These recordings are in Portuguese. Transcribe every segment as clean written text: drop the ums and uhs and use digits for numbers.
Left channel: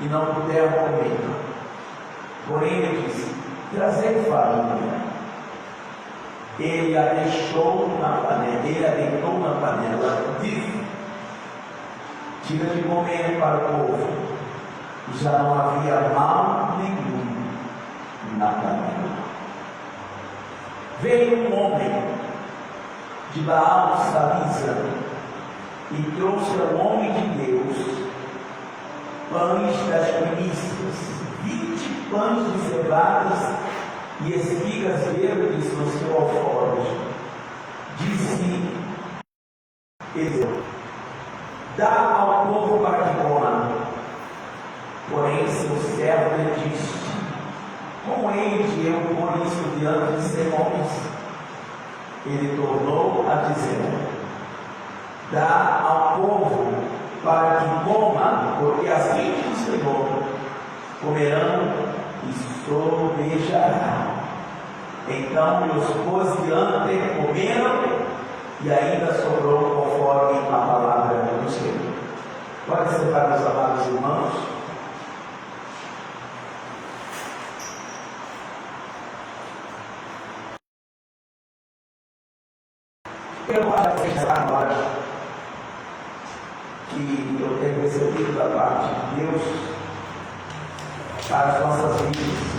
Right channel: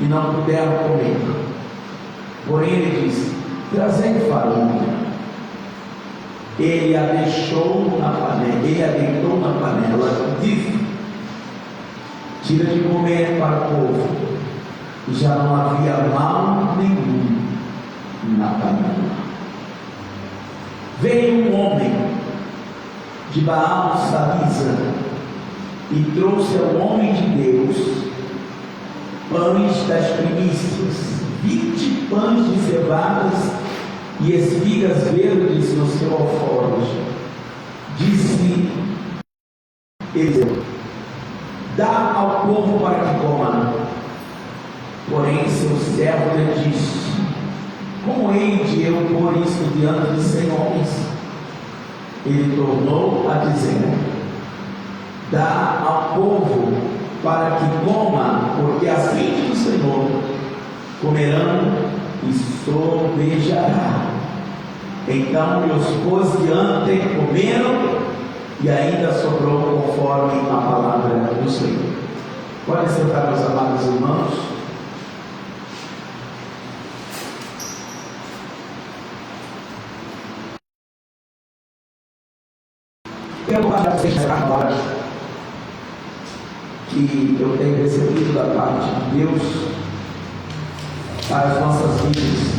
e não puderam comer. Porém ele disse: trazei farinha. Ele a deixou na panela, ele a deitou na panela, disse: tira de comer para o povo. E já não havia mal nenhum na panela. Veio um homem de Baal Salisa e trouxe ao homem de Deus pães das primícias, 20 pães de cevadas e espigas verdes no seu alforje. Disse ele: dá ao povo para que coma. Porém seu servo lhe disse: como hei de eu pôr isto diante de 100 homens? Ele tornou a dizer: dá ao povo para que coma, porque assim diz o Senhor: comerão e sobejarão. Então os pôs diante, comeram, e ainda sobrou conforme a palavra do Senhor. Podem sentar, meus amados irmãos. Eu gosto de vocês agora que eu tenho recebido da parte de Deus para as nossas vidas.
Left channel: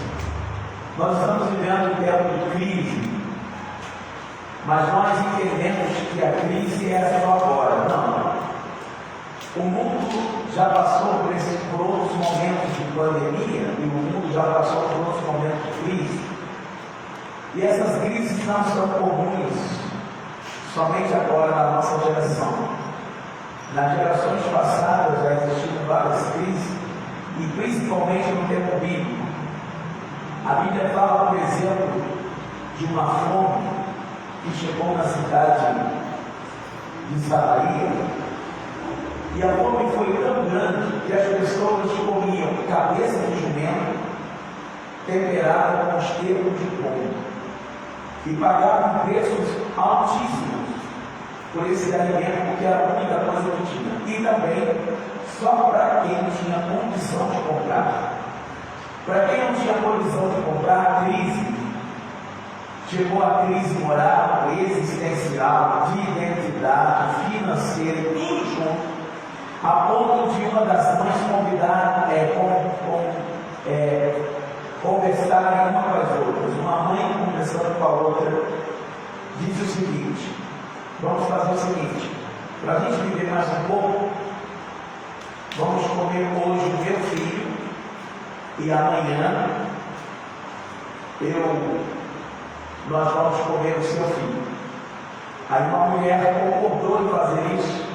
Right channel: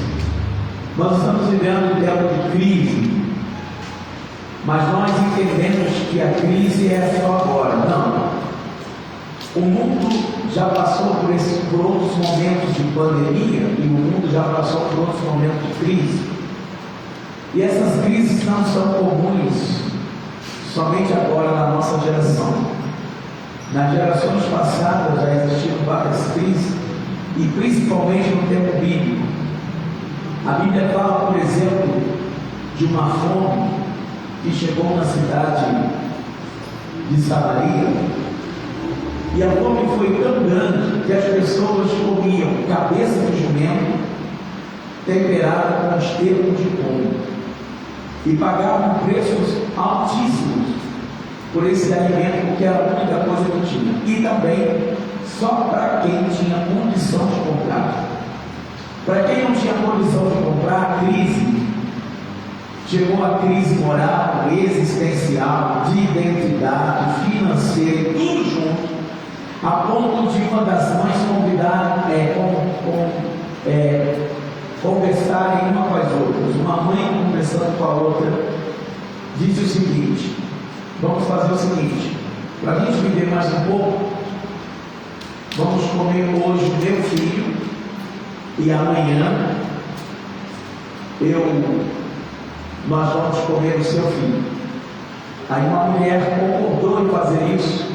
Nós estamos vivendo um tempo de crise, mas nós entendemos que a crise é só agora. Não. O mundo já passou por outros momentos de pandemia, e o mundo já passou por outros momentos de crise. E essas crises não são comuns somente agora na nossa geração. Nas gerações passadas já existiram várias crises, e principalmente no tempo bíblico. A Bíblia fala, por exemplo, de uma fome que chegou na cidade de Samaria, e a fome foi tão grande que as pessoas comiam cabeça de jumento temperada com esterco de pombo, e pagavam preços altíssimos por esse alimento, porque era a única coisa que tinha, e também só para quem tinha condição de comprar. Para quem não tinha condição de comprar, a crise chegou, a crise moral, existencial, de identidade, financeira, tudo junto, a ponto de uma das mães conversarem uma com as outras. Uma mãe conversando com a outra disse o seguinte: vamos fazer o seguinte, para a gente viver mais um pouco, vamos comer hoje o meu filho, e amanhã nós vamos comer o seu filho. Aí uma mulher concordou em fazer isso.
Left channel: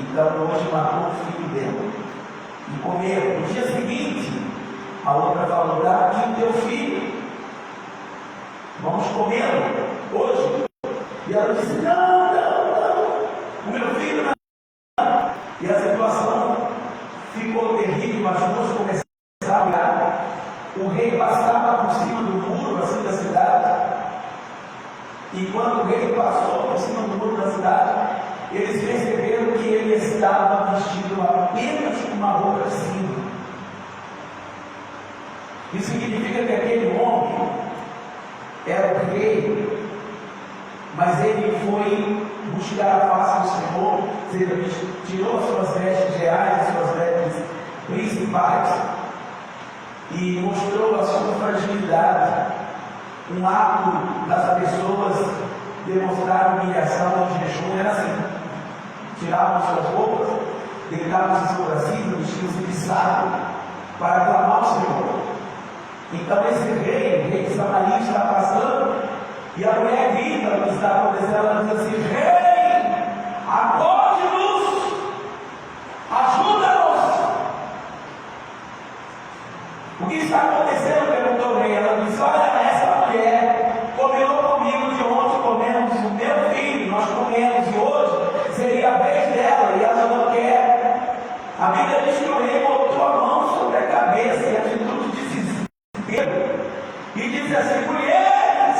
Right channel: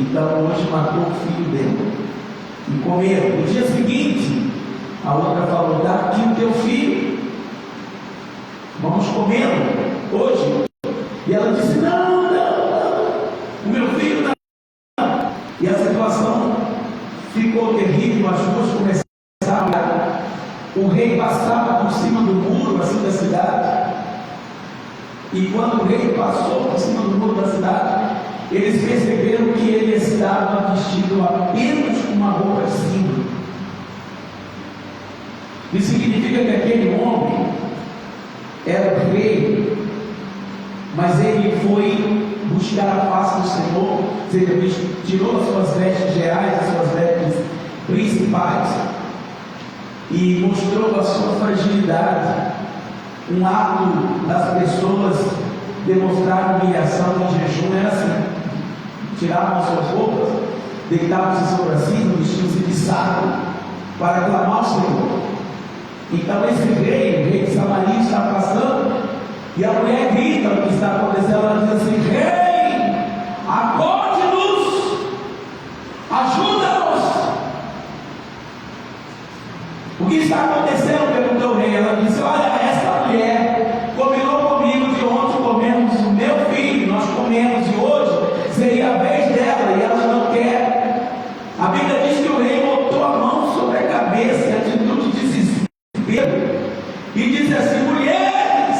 Então hoje matou o filho dela e comeram. No dia seguinte, a outra falou: dá aqui o teu filho, vamos comê-lo hoje. E ela disse: não, o meu filho não. E a situação ficou terrível, as duas começaram a olhar. O rei passava por cima do muro assim da cidade, e quando o rei passou por cima do muro da cidade, eles perceberam que ele estava vestido apenas com uma roupa de cima. Isso significa que aquele homem era o rei, mas ele foi buscar a face do Senhor, ou seja, ele tirou as suas vestes reais, as suas vestes principais, e mostrou a sua fragilidade. Um ato das pessoas demonstrar humilhação em jejum era assim: tiravam suas roupas, deitavam-se sobre a cima, vestiam-se de saco para clamar ao Senhor. Então esse rei, o rei de Samaria, está passando, e a mulher grita o que está acontecendo. Ela diz assim: rei, acorde-nos, ajuda-nos. O que está acontecendo? Perguntou o rei. Ela disse: olha, essa mulher combinou comigo de ontem comemos o meu filho, nós comemos, e hoje seria a vez dela, e ela não quer. A Bíblia diz que o rei botou a mão sobre a cabeça em atitude de desespero e diz assim: mulheres,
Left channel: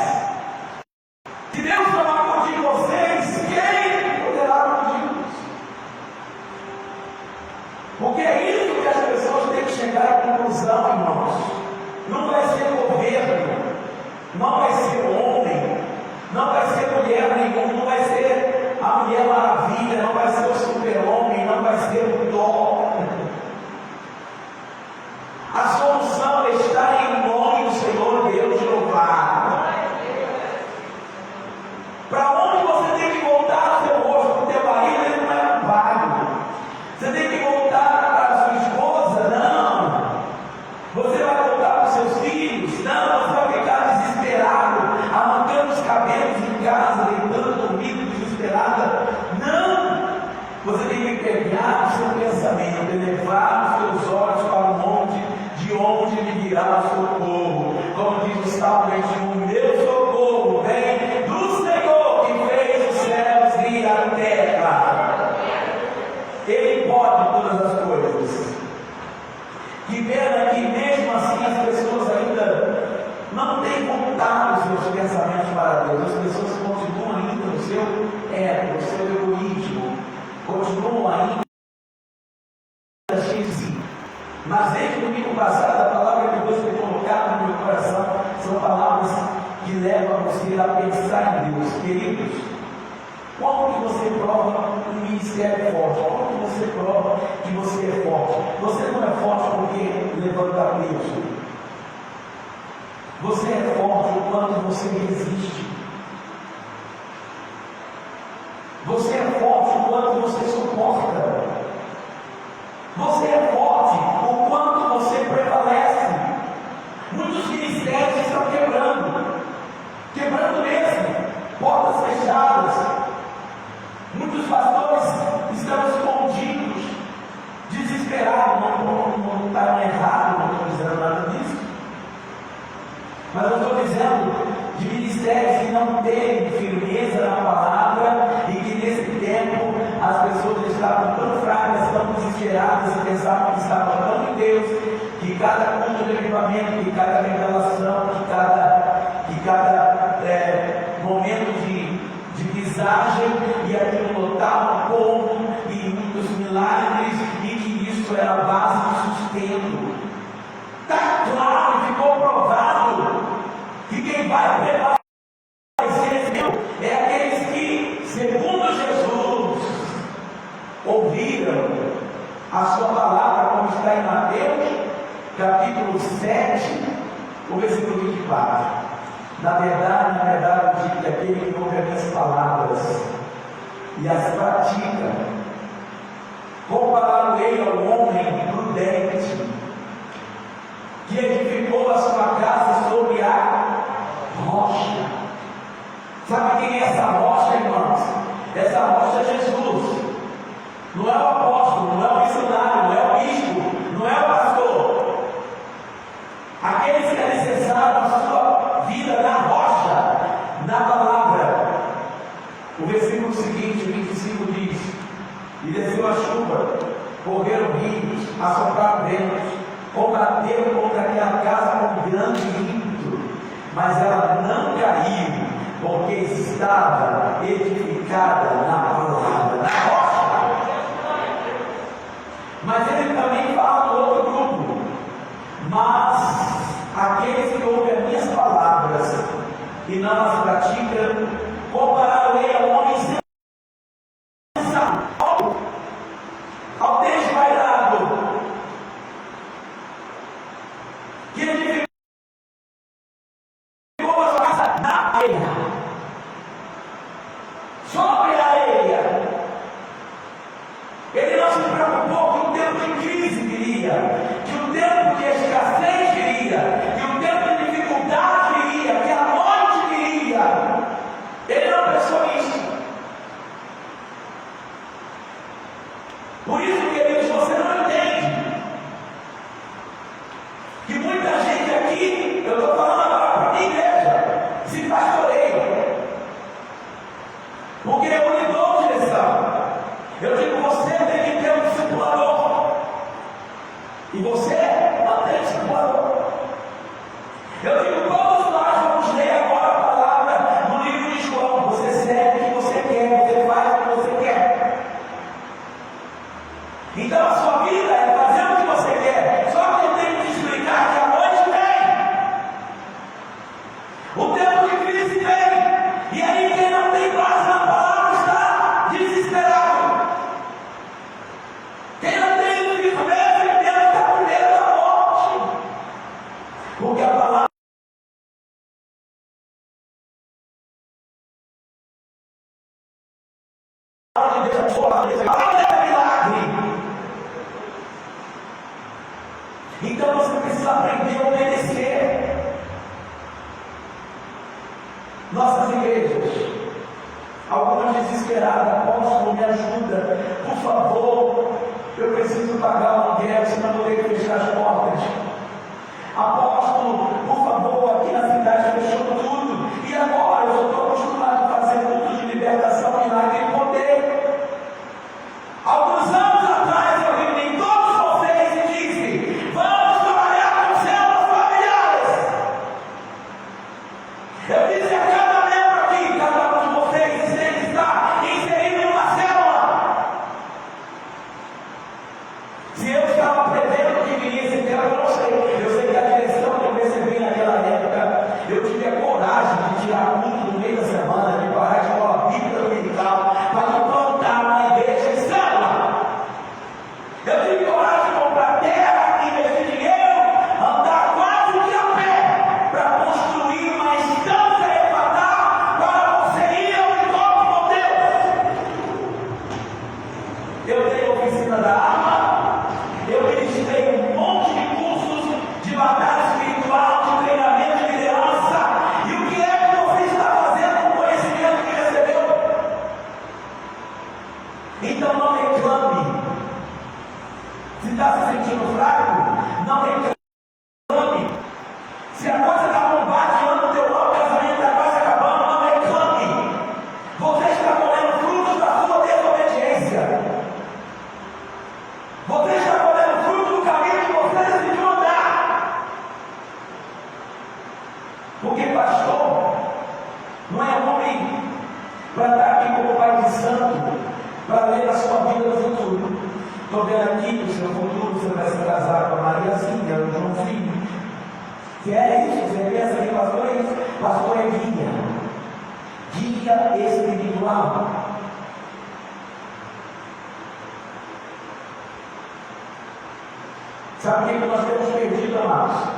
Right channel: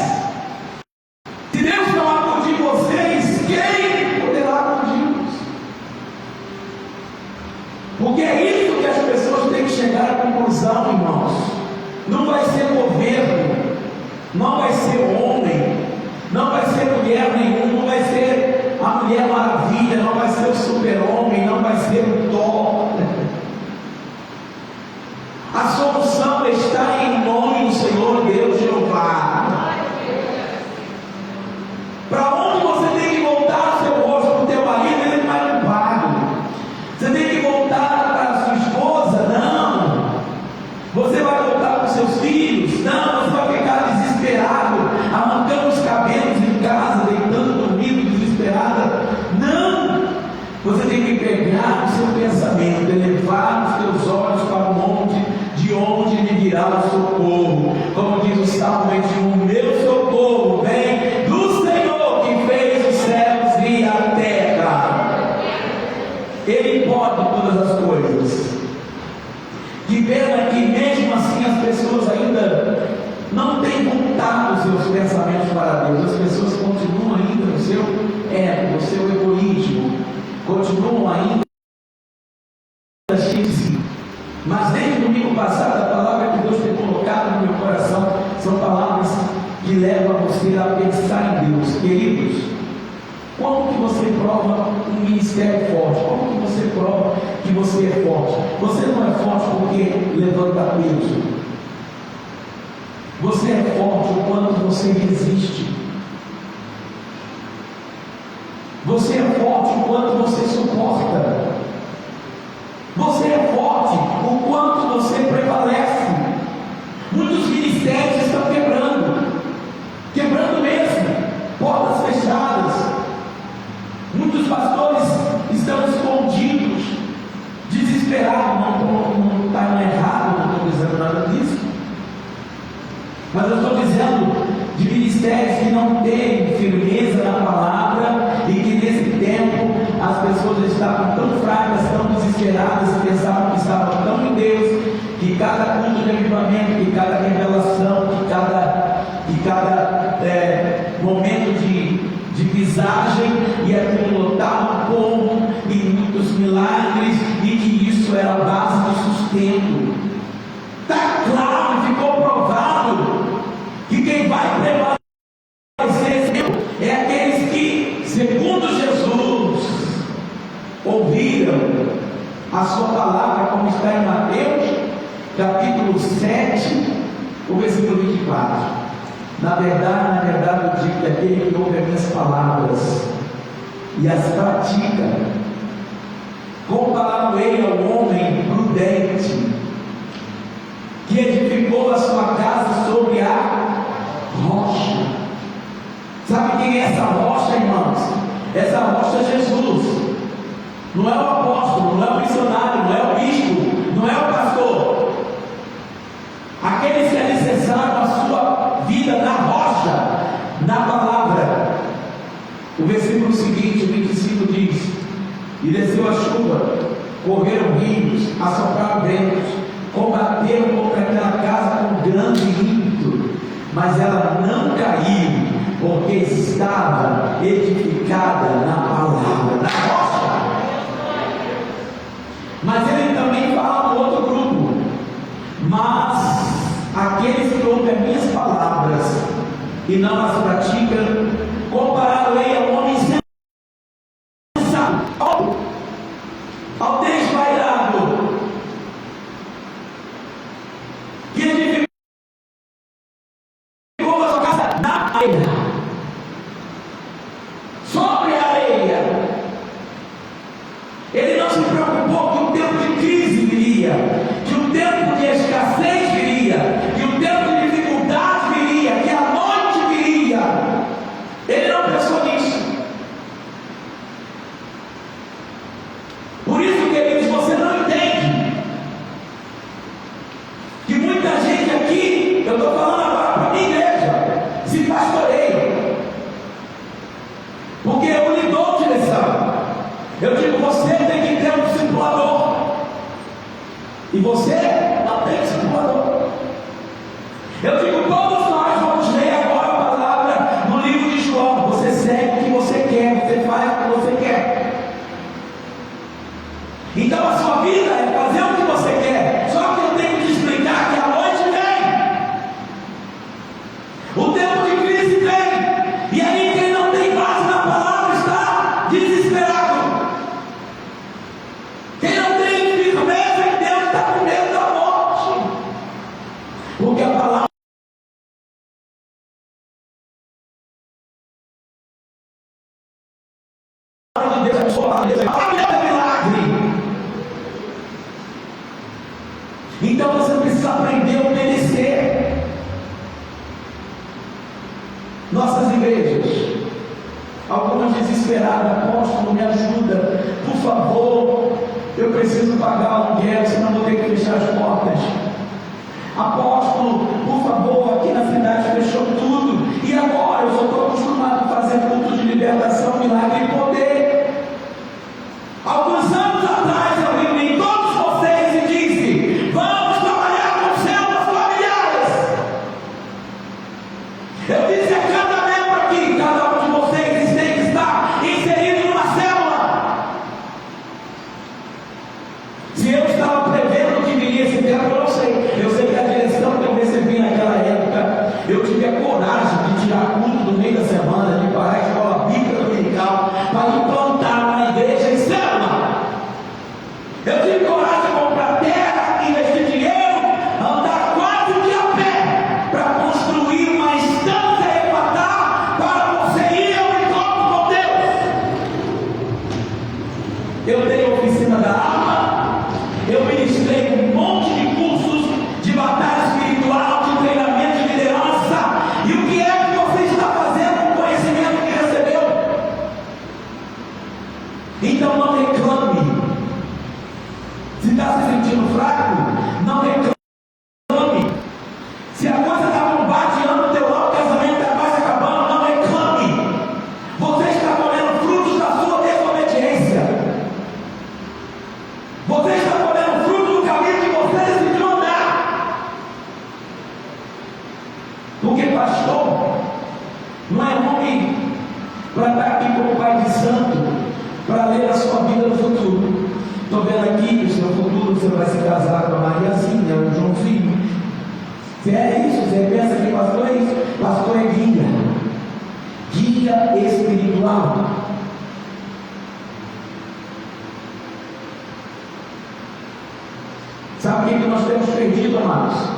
se Deus não acudir vocês, quem poderá acudir-nos? Porque é isso que as pessoas têm que chegar à conclusão, irmãos. Não vai ser governo, não vai ser homem, não vai ser mulher nenhum, não vai ser a Mulher Maravilha, não vai ser o super-homem, não vai ser o Thor. A solução está em nome do Senhor Deus Jeová. Para onde você tem que voltar o seu rosto? Para o teu marido, ele não é culpado. Você tem que voltar para a sua esposa? Não. Você vai voltar para os seus filhos? Não. Você vai ficar desesperado, arrancando os cabelos em casa, deitando comigo desesperada? Não. Você tem que pegar o seu pensamento, elevar os teus olhos para o monte, de onde lhe virá o socorro. Como diz o Salmo 21, meu socorro vem do Senhor que fez os céus e a terra. Ele pode todas as coisas. Que pena que mesmo assim as pessoas ainda não têm voltado os seus pensamentos para Deus. As pessoas continuam ainda no seu ego, no seu egoísmo, continuam ainda cheios de si. Mas desde o domingo passado, a palavra que Deus tem colocado no meu coração são palavras que levam você a pensar em Deus. Queridos, como que você prova um ministério forte? Como que você prova que você é forte? Você não é forte porque levanta peso. Você é forte quando você resiste. Você é forte quando você suporta. Você é forte o quanto você prevalece. Muitos ministérios estão quebrando mesmo, portas fechadas. Muitos pastores estão escondidos, desesperados. Não está errado, não estou dizendo nada disso, mas eu estou dizendo de ministérios que não têm firmeza na palavra e que nesse tempo as pessoas estavam tão fracas, tão desesperadas e pensavam que estavam tão em Deus, que cada culto de avivamento, que cada revelação, que cada momento de visagem, e aquilo lotava o povo e muitos milagres, e que isso era a base de sustento. Está claro e ficou provado que quem vai prevalecer é aqueles que, segundo Jesus, ouviram a sua palavra, como está em Mateus, capítulo 7, o versículo 24. Na verdade, eu digo que aquele que ouve as minhas palavras e as pratica, compará-lo-ei ao homem prudente, que edificou a sua casa sobre a rocha. Sabe quem é essa rocha, irmãos? Essa rocha é Jesus. Não é o apóstolo, não é o missionário, não é o bispo, não é o pastor. Aqueles que alicerçaram a sua vida na rocha, na palavra. O versículo seguinte, 25, diz: e desceu a chuva, correram rios, assopraram ventos, combateram contra aquela casa com grande ímpeto, mas ela não caiu, porque estava edificada na palavra, na rocha. Mas ele também fala no outro grupo: mas aqueles que ouvem as minhas palavras e não as praticam, compará-lo-ei ao homem sensato, ao desvairado, que edificou a sua casa na areia, sobre a areia. Ele não se preocupou que o tempo de crise viria, que o tempo de escassez viria, que o tempo de dificuldade viria, que a noite viria. Ele não pensou nisso. Por isso, queridos, você não entende que muita gente aqui, eu estou falando agora para a minha igreja, se pastoreia, porque eu lhe dou direção. Eu digo, você tem que ter um discipulador, e você não tem discipulador. Eu digo, todos nós vamos ler agora a palavra no livro de João. Você segue o que você quer, você faz o que você quer. Então a sua vida igrejas, algumas desesperadas: apóstolo, me ajuda, por favor, eu preciso pagar o aluguel, senão vou ter que fechar as portas. Apóstolo, por favor, aqui na cidade fechou tudo, e agora eu só estou acostumado a fazer culto de libertação, milagre e poder. Alguns anos atrás eu reuni todos vocês e disse: vamos trabalhar com células familiares. Eu disse a cada membro aqui: cada um de vocês tem que estar inserido numa célula. Se eu estava prevendo que viria esse tempo, eu não sei. Eu sei que a direção que eu recebi naquela época, eu tive a coragem de tirar culto no meio da semana, de parar a escola bíblica dominical, para implantar uma igreja em célula. Eu tive coragem de comprar terra, investir dinheiro, andar quase um dia a pé, para construir uma instância elevatar para você ir ao encontro com Deus. Eu dei a oficina da alma, eu ministrei um monte de cursos de batalha espiritual, de treinamento de liderança. E o que é que você está fazendo com o conhecimento que recebeu? Então não reclame. Se está se sentindo fraco, não reclame. Se a coisa está bombardeando o teu lado, o casamento está quase acabando, não reclame. Você está colhendo frutos da sua desobediência. Você está colhendo fruto do caminho que você decidiu andar. Porque pastor não é homem para estar aqui como pai de santo, para ler a sua vida no futuro. Estou vendo aqui que no seu futuro você vai se casar com a Mariazinha, o Joãozinho. Se é isso, você pensa que pastor é isso? Pastor é guia espiritual. Sabe o que nós temos perdido, amados?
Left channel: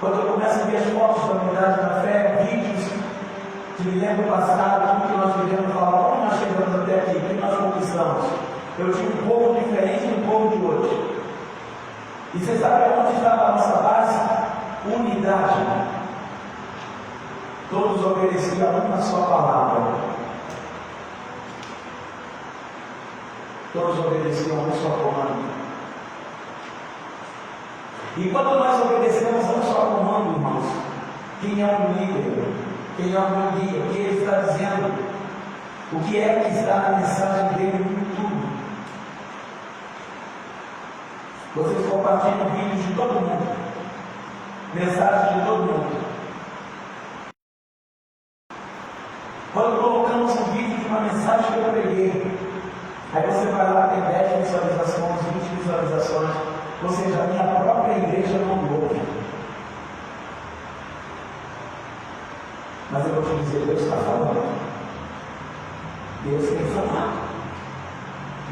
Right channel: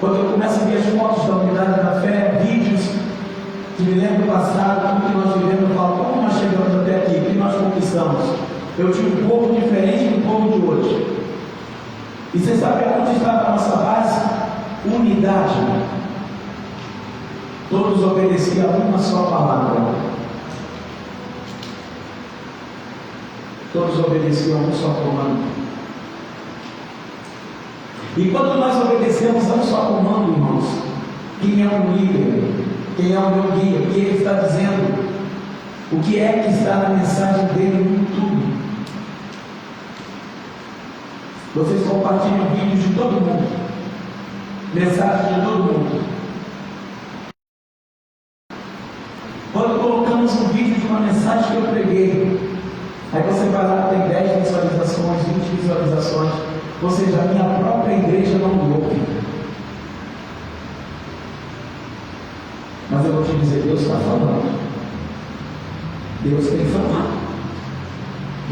Quando eu começo a ver as fotos da unidade da fé, vídeos que me lembro do passado, tudo que nós vivemos, eu falo: como nós chegamos até aqui? O que nós conquistamos? Eu tinha um povo diferente do povo de hoje. E você sabe onde está a nossa base? Unidade. Todos obedeciam a uma só palavra. Todos obedeciam a um só comando. E quando nós obedecemos a um só comando, irmãos, quem é o líder? Quem é o meu guia? O que ele está dizendo? O que é que está na mensagem dele no YouTube? Vocês compartilham vídeos de todo mundo, mensagens de todo mundo. Quando colocamos um vídeo de uma mensagem que eu preguei, aí você vai lá, tem 10 visualizações, 20 visualizações, ou seja, a minha própria igreja não me ouve. Mas eu vou te dizer: Deus está falando. Deus tem falado.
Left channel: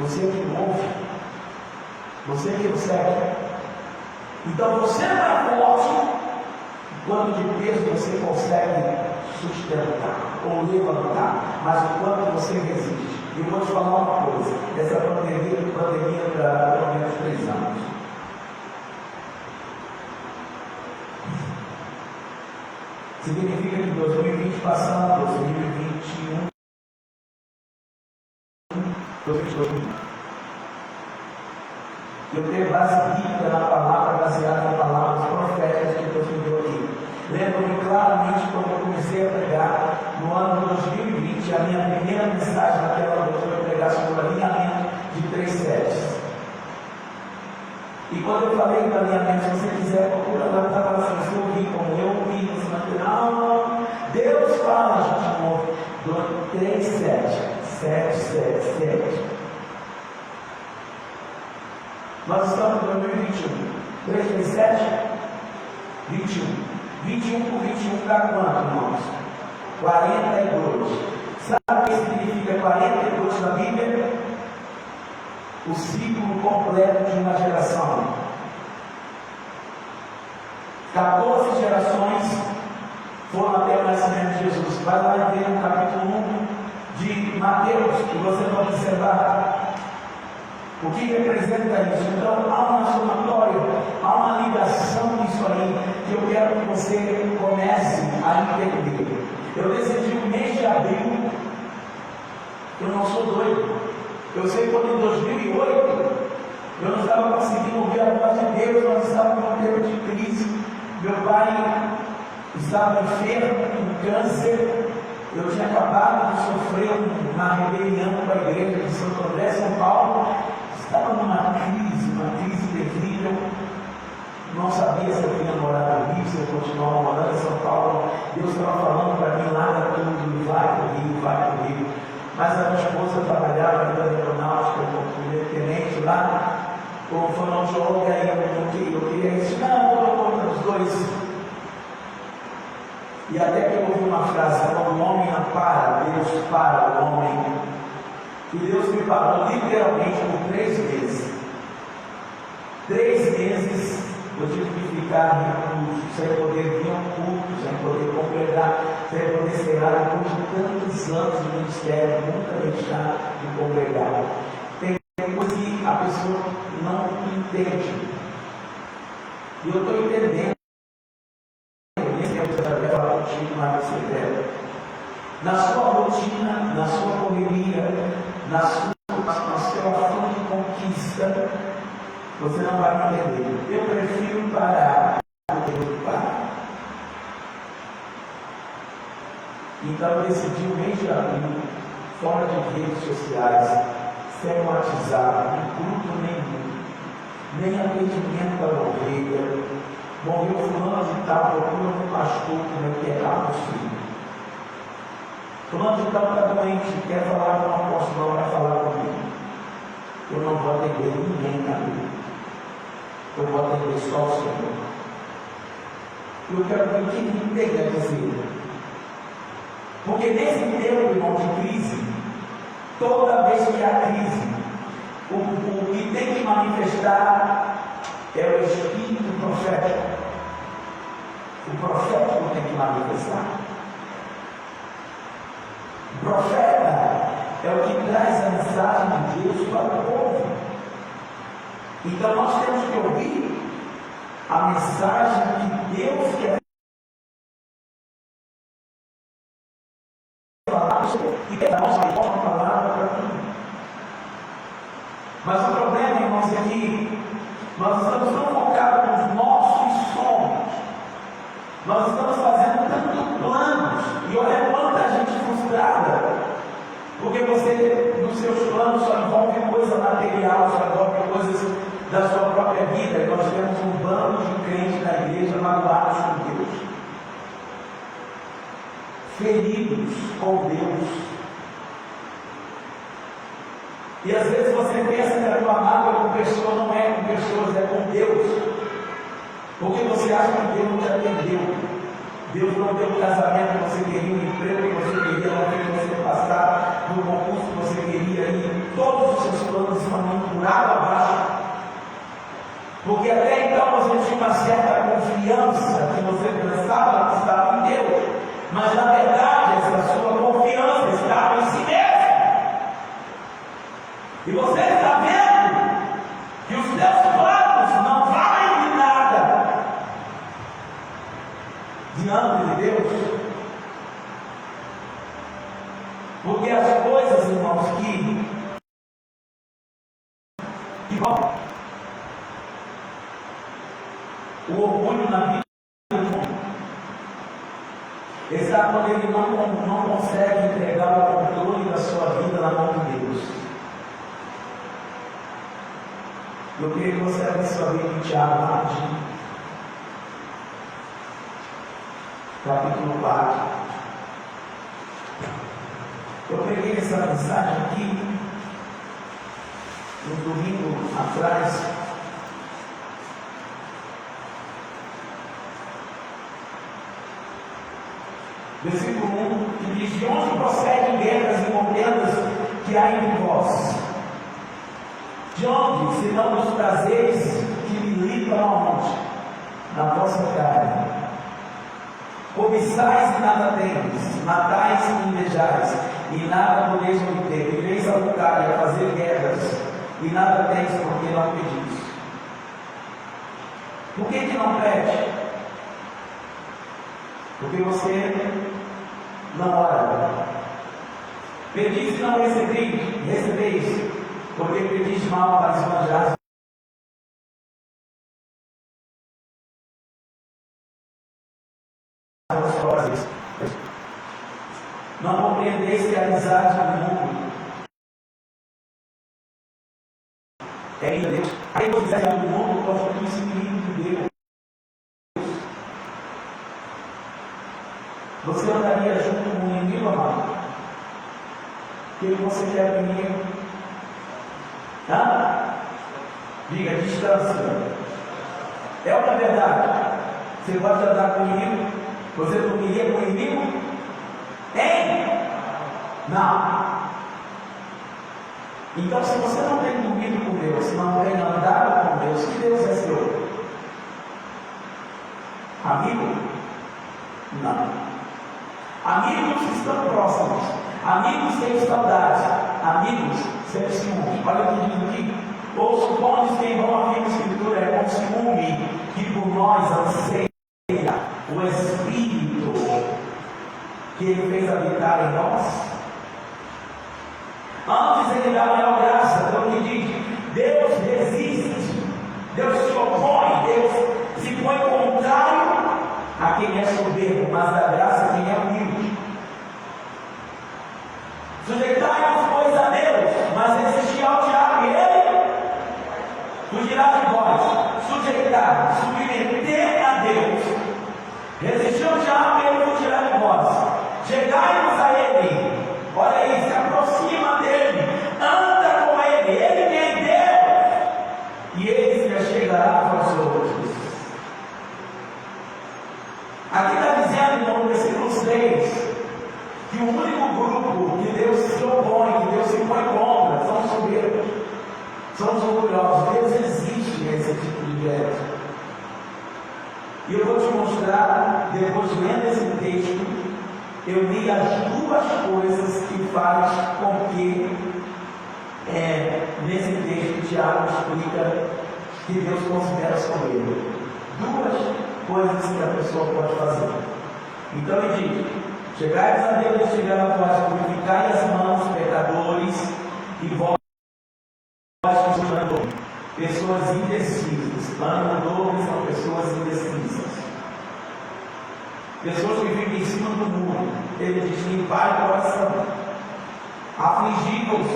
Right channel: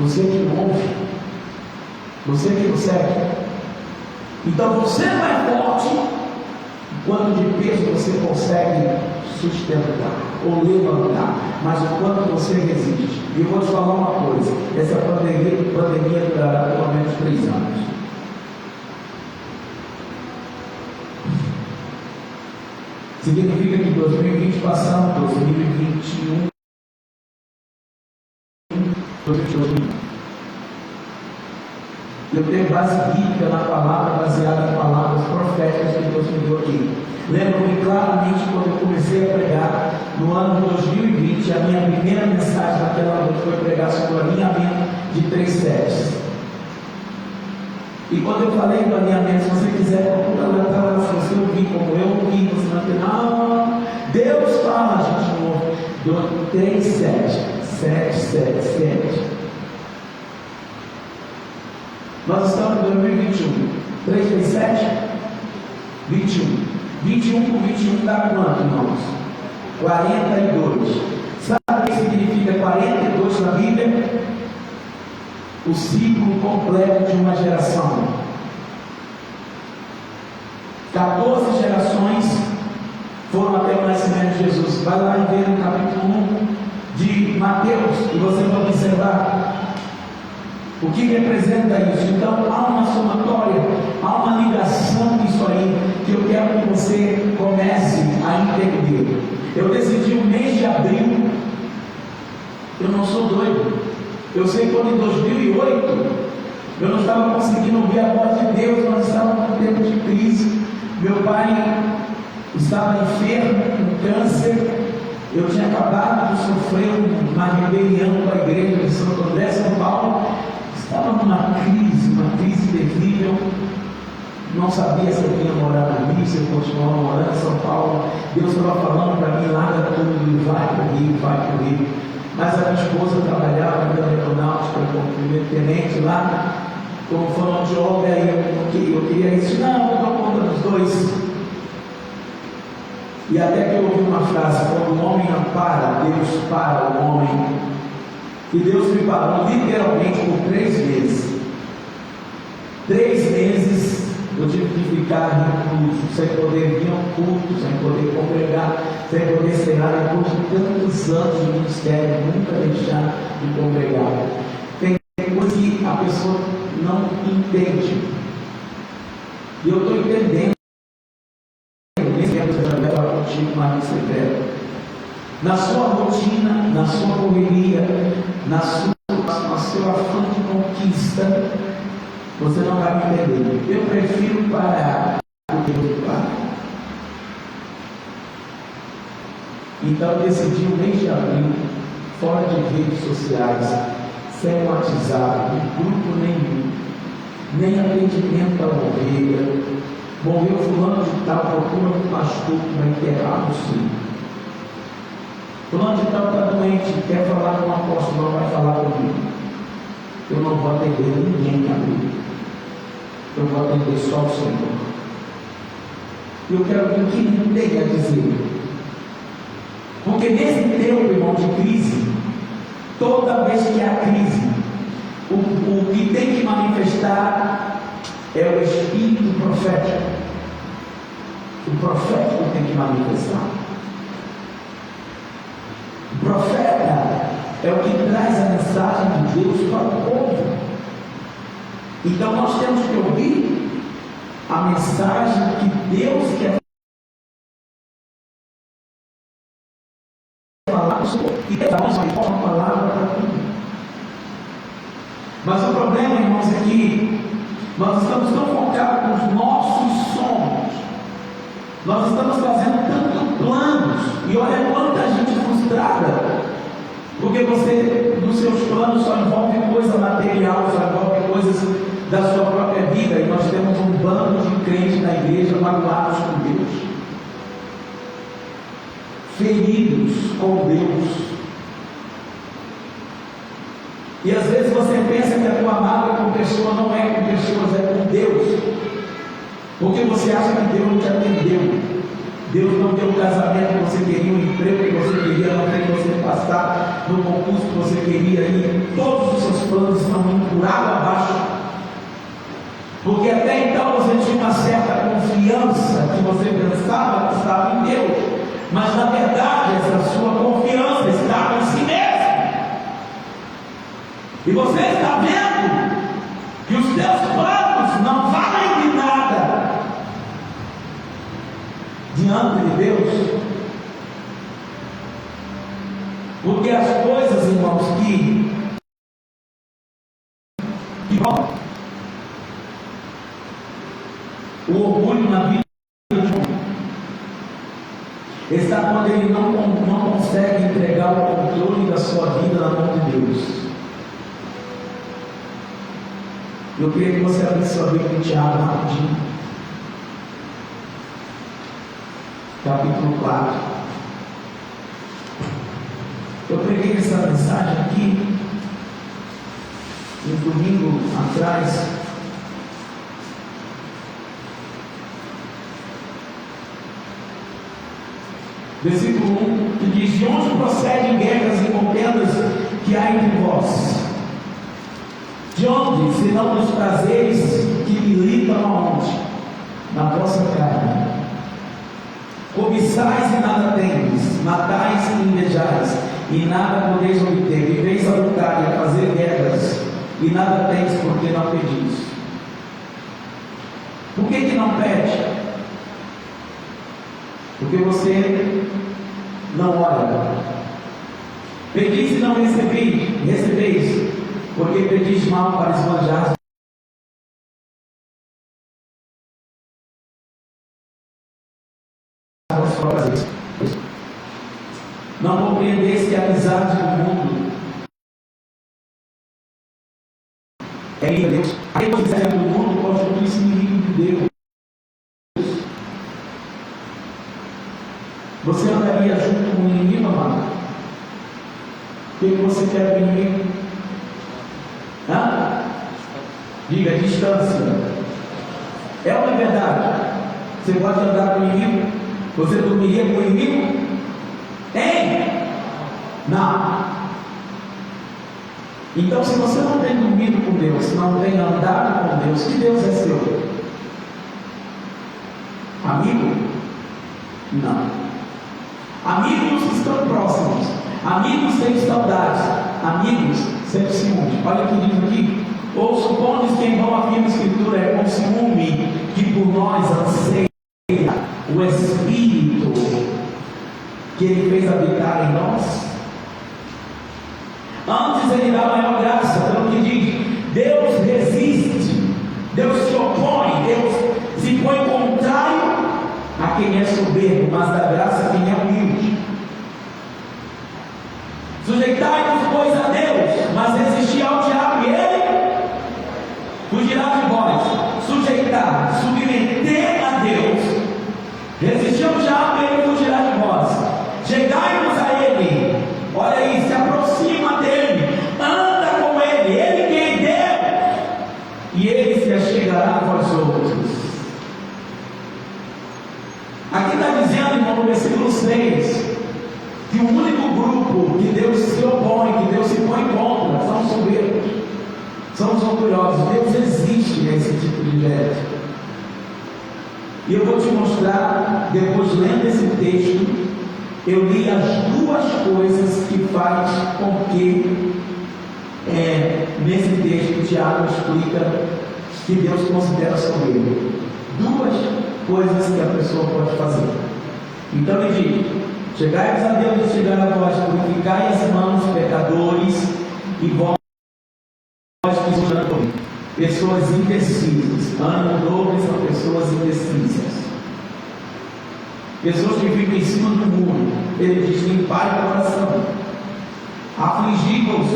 Você que ouve, você que observa. Então você não é forte quanto de peso você consegue sustentar ou levantar, mas o quanto você resiste. E eu vou te falar uma coisa: essa pandemia durará pelo menos 3 anos. Significa que 2020 passamos, 2021, 2021. Eu tenho base bíblica na palavra, baseada em palavras proféticas que Deus me deu aqui. Lembro-me claramente quando eu comecei a pregar no ano de 2020, a minha primeira mensagem naquela noite foi pregar sobre o alinhamento de 3 setes. E quando eu falei do alinhamento, se você quiser procurar na tela, se você ouvir como eu ouvi, não, Deus fala, gente, no 3 setes, 7. Nós estamos em 2021. 3 vezes 7? 21. 21 por 21 dá quanto, irmãos? 42. Sabe o que significa 42 na Bíblia? O ciclo completo de uma geração. 14 gerações foram até o nascimento de Jesus. Vai lá e vê no capítulo 1 de Mateus, e você pode observar o que representa isso. Então há uma somatória, há uma ligação nisso aí, que eu quero que você comece a entender. Eu decidi no mês de abril. Eu não sou doido. Eu sei que quando em 2008 eu não estava conseguindo ouvir a voz de Deus, nós estávamos num tempo de crise. Meu pai estava enfermo, com câncer. Eu tinha acabado de sofrer uma rebelião com a igreja de Santo André, São Paulo. Estava numa crise terrível. Não sabia se eu vinha morar no Rio, se eu continuava morando em São Paulo. Deus estava falando para mim, larga tudo, vai para o Rio, vai para o Rio. Mas a minha esposa trabalhava ainda na aeronáutica, como primeiro tenente lá, como fonoaudióloga, e eu queria isso. Não, eu dou conta dos dois. E até que eu ouvi uma frase: quando o homem não para, Deus para o homem. E Deus me parou literalmente por 3 meses. 3 meses eu tive que ficar recluso, sem poder vir ao culto, sem poder congregar, sem poder ser lá. Depois de tantos anos de ministério, nunca deixar de congregar. Tem coisa que a pessoa não entende. E eu estou entendendo. Na sua rotina, na sua correria, no seu afã de conquista, você não vai me entender. Eu prefiro parar do que ocupar. Então eu decidi no mês de abril, fora de redes sociais, sem WhatsApp, de grupo nenhum, nem atendimento à ovelha. Morreu fulano de tal, procura um pastor para enterrar o filho. Fulano de tal está doente, quer falar com o apóstolo, não vai falar comigo. Eu não vou atender ninguém, amigo. Eu vou atender só o Senhor. Eu quero ver o que Ele tem a dizer. Porque nesse tempo, irmão, de crise, toda vez que há crise, o que tem que manifestar é o espírito profético. O profético tem que manifestar. O profeta é o que traz a mensagem de Deus para o povo. Então nós temos que ouvir a mensagem que Deus quer falar e dar uma palavra para tudo. Mas o problema, irmãos, é que nós estamos tão focados nos nossos sonhos, nós estamos fazendo tantos planos, e olha quanta gente frustrada, porque você, nos seus planos, só envolve coisa material, só envolve coisas da sua própria vida, e nós temos um bando de crentes na igreja magoados com Deus, feridos com Deus. E às vezes você pensa que a tua mágoa com pessoa não é com pessoas, é com Deus, porque você acha que Deus não te atendeu. Deus não deu o casamento que você queria, o emprego que você queria, não fez você passar no concurso que você queria ir. Todos os seus planos estão indo por água abaixo, porque até então você tinha uma certa confiança que você pensava que estava em Deus, mas na verdade essa sua confiança estava em si mesmo. E você está vendo que os teus planos não valem de nada diante de Deus, porque as coisas, irmãos, que o orgulho na vida de um homem está quando ele não consegue entregar o controle da sua vida na mão de Deus. Eu queria que você abrisse sua Bíblia em Tiago rapidinho, capítulo 4. Eu preguei essa mensagem aqui no domingo atrás. Versículo 1, que diz: de onde procedem guerras e contendas que há entre vós? De onde, senão dos prazeres que militam aonde? Na vossa carne. Cobiçais e nada tendes, matais e invejais, e nada podeis obter. Viveis a lutar e a fazer guerras, e nada tendes porque não pedis. Por que não pede? Porque você não ora. Pedis e não recebeis, porque pedis mal para esbanjar as próprias. Não compreendeis que a amizade do mundo é em Deus. Aquele que quiser do mundo constitui-se inimigo de Deus. Você andaria junto com o inimigo, amado? O que você quer do inimigo? Diga, distância. É uma verdade. Você pode andar com o inimigo? Você dormiria com o inimigo? Tem? Não. Então, se você não tem dormido com Deus, não tem andado com Deus, que Deus é seu? Amigo? Não. Amigos estão próximos. Amigos têm saudades. Amigos sempre ciúmes. Olha o que diz aqui. Ou supondo que em vão afirma a Escritura é com ciúme que por nós anseia o Espírito que Ele fez habitar em nós. Antes Ele dá maior graça. Pelo que diz, Deus resiste, Deus se opõe, Deus se põe contrário a quem é soberbo, mas dá graça a quem é humilde. Sujeitai-vos, pois, a Deus, mas resistir ao diabo, e ele fugirá de vós. Sujeitar, submeter a Deus, resistir ao diabo, e ele fugirá de vós. Chegai-vos a ele, olha aí, se aproxima dele, anda com ele quem deu, e ele se achegará a vós outros. Aqui está dizendo, irmão, no versículo 6, que o único grupo que Deus se opõe, que Deus se põe contra, são os soberbos, são os orgulhosos. Deus existe nesse tipo de gente. E eu vou te mostrar, depois lendo esse texto, eu li as duas coisas que faz com que, nesse texto, Tiago explica que Deus considera soberbo. Duas coisas que a pessoa pode fazer. Então ele diz: chegai-vos a Deus, chegai a vós, purificai as mãos, pecadores, e vós que sois pessoas indecisas. Ano novo são pessoas indecisas, pessoas que ficam em cima do muro. Ele diz: limpai o coração, afligi-vos,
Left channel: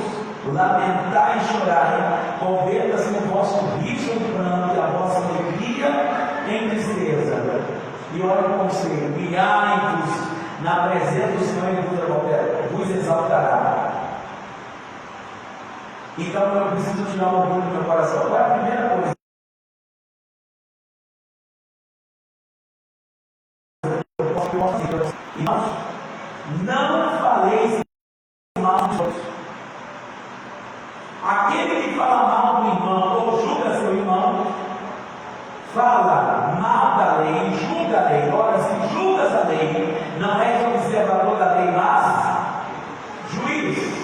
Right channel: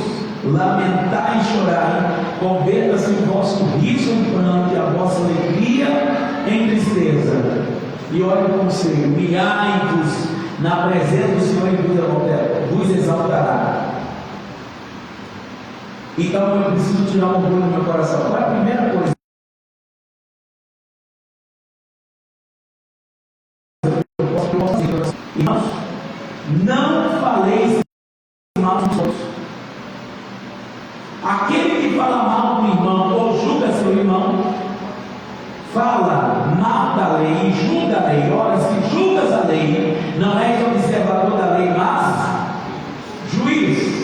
lamentai e chorai, converta-se o vosso riso em pranto e a vossa alegria em tristeza. E olha o conselho: humilhai-vos na presença do Senhor e vos exaltará. Então eu preciso tirar um orgulho do meu coração. Qual é a primeira coisa? Irmãos, não faleis mal dos outros. Aquele que fala mal do irmão ou julga seu irmão, fala mal da lei e julga a lei. Ora, se julgas a lei, não és observador da lei, mas juiz.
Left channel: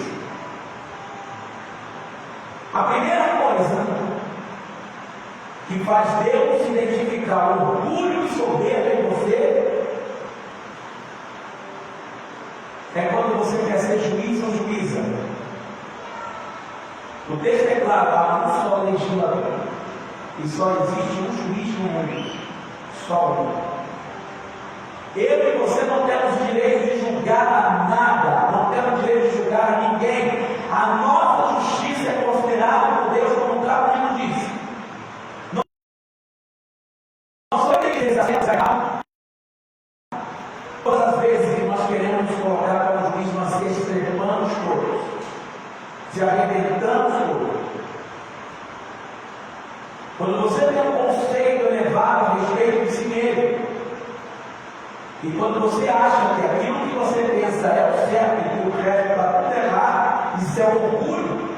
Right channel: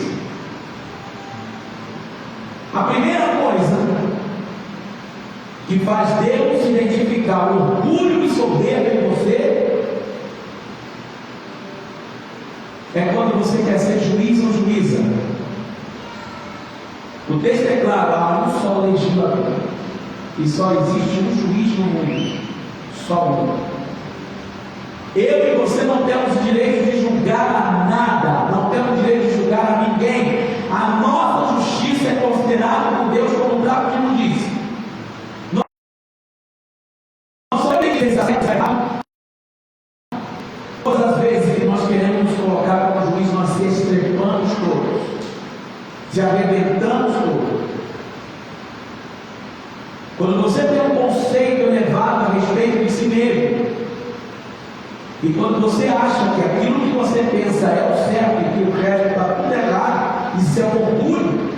A primeira coisa que faz Deus identificar o orgulho e soberba em você é quando você quer ser juiz ou juíza. O texto é claro: há um só legislador e só existe um juiz no mundo, só um. Eu e você não temos o direito de julgar nada, não temos o direito de julgar a ninguém. A nossa justiça é considerada por Deus como o trapo que nos diz. Nós somos errado. Todas as vezes que nós queremos nos colocar como juiz, nós se estrepamos todos, se arrebentamos todos. Quando você tem um conceito elevado a respeito de si mesmo, e quando você acha que aquilo que você pensa é o certo e que o resto está tudo errado, isso é um orgulho.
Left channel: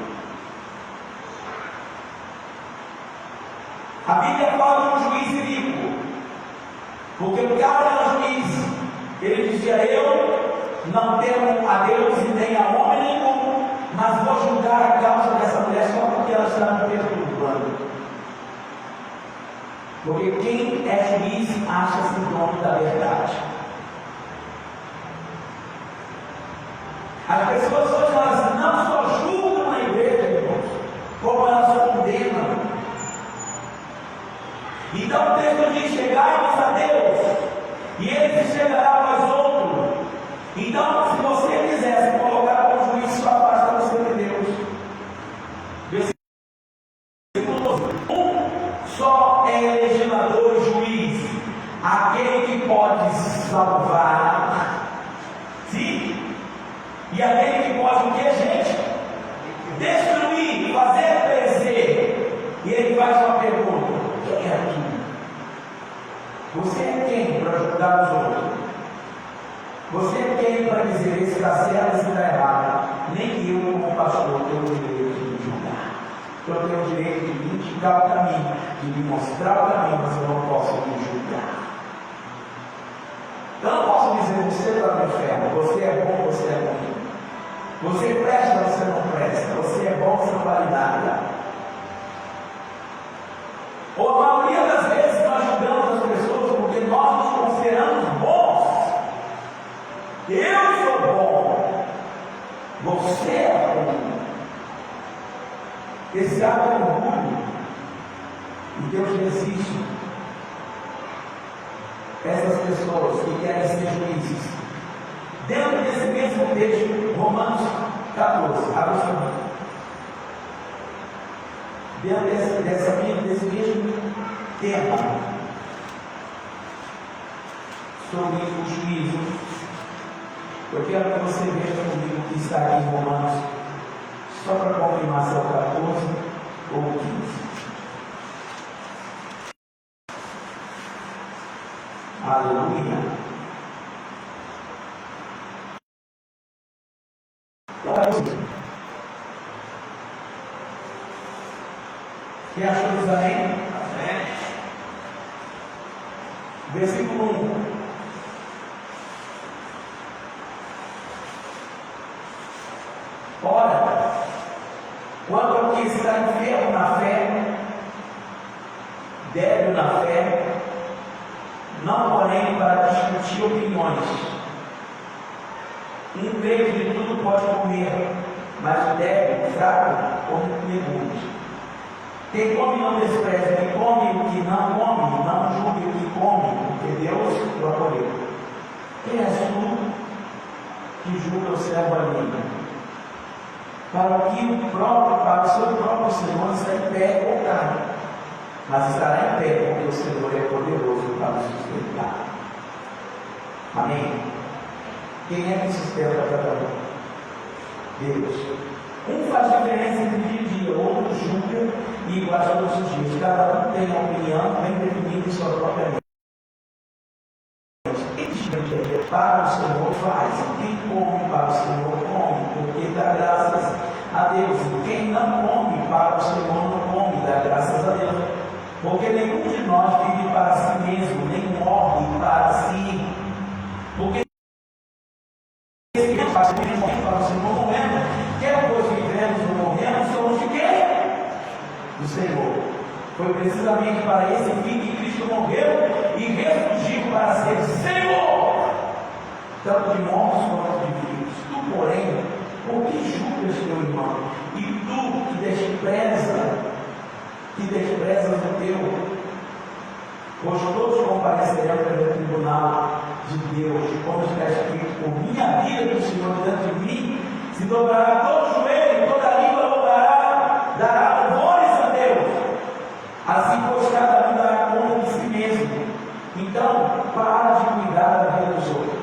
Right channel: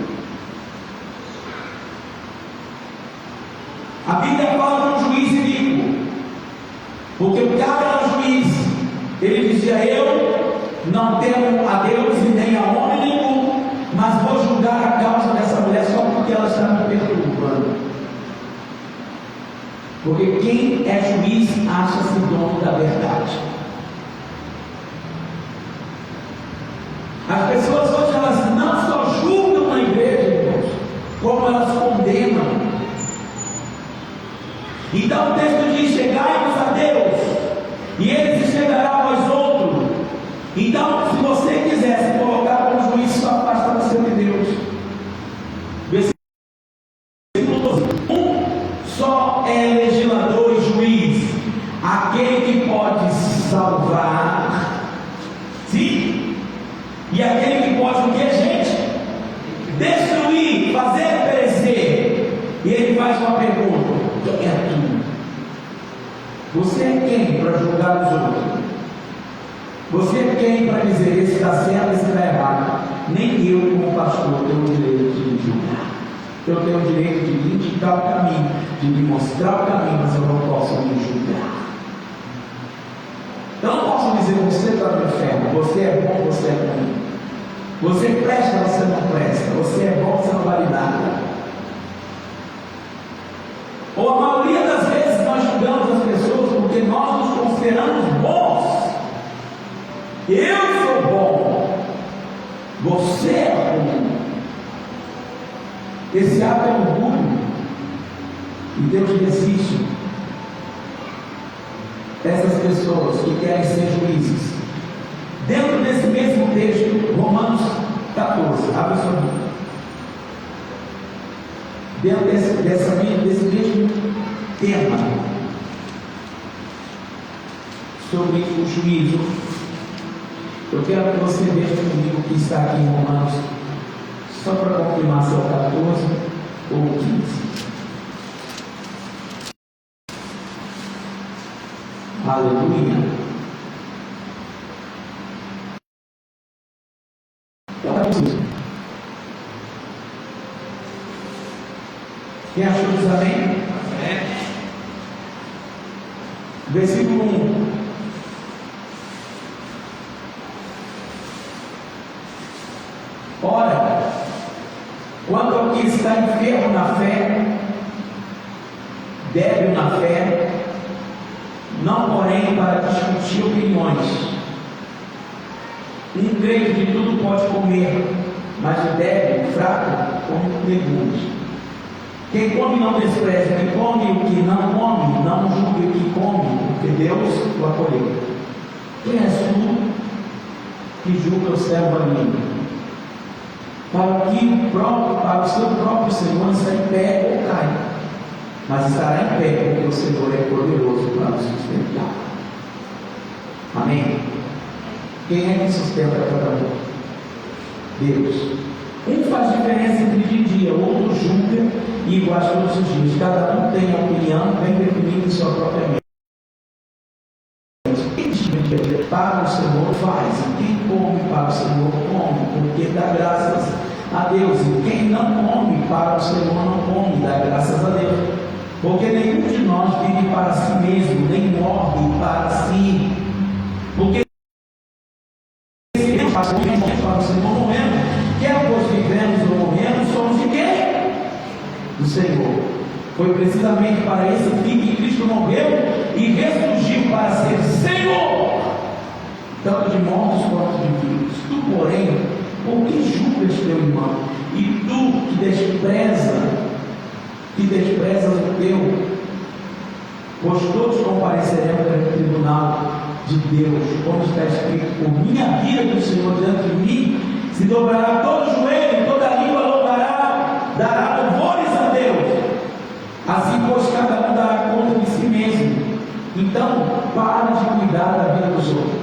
A Bíblia fala de um juiz iníquo, porque o cara era um juiz. Ele dizia: eu não temo a Deus e nem a homem nenhum, mas vou julgar a causa dessa mulher só porque ela está me perturbando. Porque quem é juiz acha-se dono da verdade. As pessoas hoje elas não só julgam na igreja, irmãos, como elas condenam. Então o texto diz: chegai-vos a Deus, e Ele se chegará a vós outros. Então, se você quiser se colocar como juiz, só afasta você de Deus. Versículo 12: um só é legislador e juiz, aquele que pode salvar, sim, e aquele que pode o que, gente? Destruir, fazer perecer. E ele faz uma pergunta: quem é tu? Você é quem para julgar os outros? Você é quem para dizer esse está certo, esse está errado? Nem eu, como pastor, tenho o direito de me julgar. Eu tenho o direito de me indicar o caminho, de me mostrar o caminho, mas eu não posso me julgar. Eu não posso dizer: você está no inferno, você é bom, você é ruim. Você presta, você não presta. Você é bom, você não vale nada. Ou a maioria das vezes nós julgamos as pessoas porque nós nos consideramos bons. Eu sou bom, você é ruim. Esse ato é orgulho, e Deus resiste essas pessoas que querem ser juízes. Dentro desse mesmo texto, Romanos 14, abre o seu livro. Dentro desse mesmo tema sobre o juízo, eu quero que você veja comigo o que está aqui em Romanos, só para confirmar se é o 14 ou o 15. Aleluia. Quem achou diz amém? Versículo 1. Ora, quanto ao que está enfermo na fé, débil na fé, não porém para discutir opiniões. Um crente de tudo pode comer, mas o débil, fraco, come legumes. Quem come não despreza, quem come o que não come, não julgue o que come, porque Deus o acolheu. Quem és tu que julga o servo alheio? Para o seu próprio Senhor está em pé ou cai, mas estará em pé, porque o Senhor é poderoso para o sustentar. Amém? Quem é que sustenta cada um? Deus. Um faz diferença entre dia e dia, outro julga e iguais todos os dias. Cada um tem a opinião bem definida em sua própria mente. Quem para o Senhor faz, e quem come para o Senhor come, porque dá graças a Deus. E quem não come para o Senhor não come, dá graças a Deus. Porque nenhum de nós vive para si mesmo, nem morre para si. Porque se Deus faz para o Senhor morrendo, quer pois vivemos ou morremos, somos de quem? Do Senhor. Foi precisamente para esse fim que Cristo morreu e ressurgiu para ser Senhor, tanto de mortos quanto de vivos. Tu, porém, por que julgas teu irmão? E tu que desprezas o teu, pois todos compareceremos perante o tribunal de Deus, como está escrito: por minha vida do Senhor diante de mim, se dobrará todo joelho, toda língua louvará, dará louvores a Deus. Assim, pois, cada um dará conta de si mesmo. Então, para de cuidar da vida dos outros.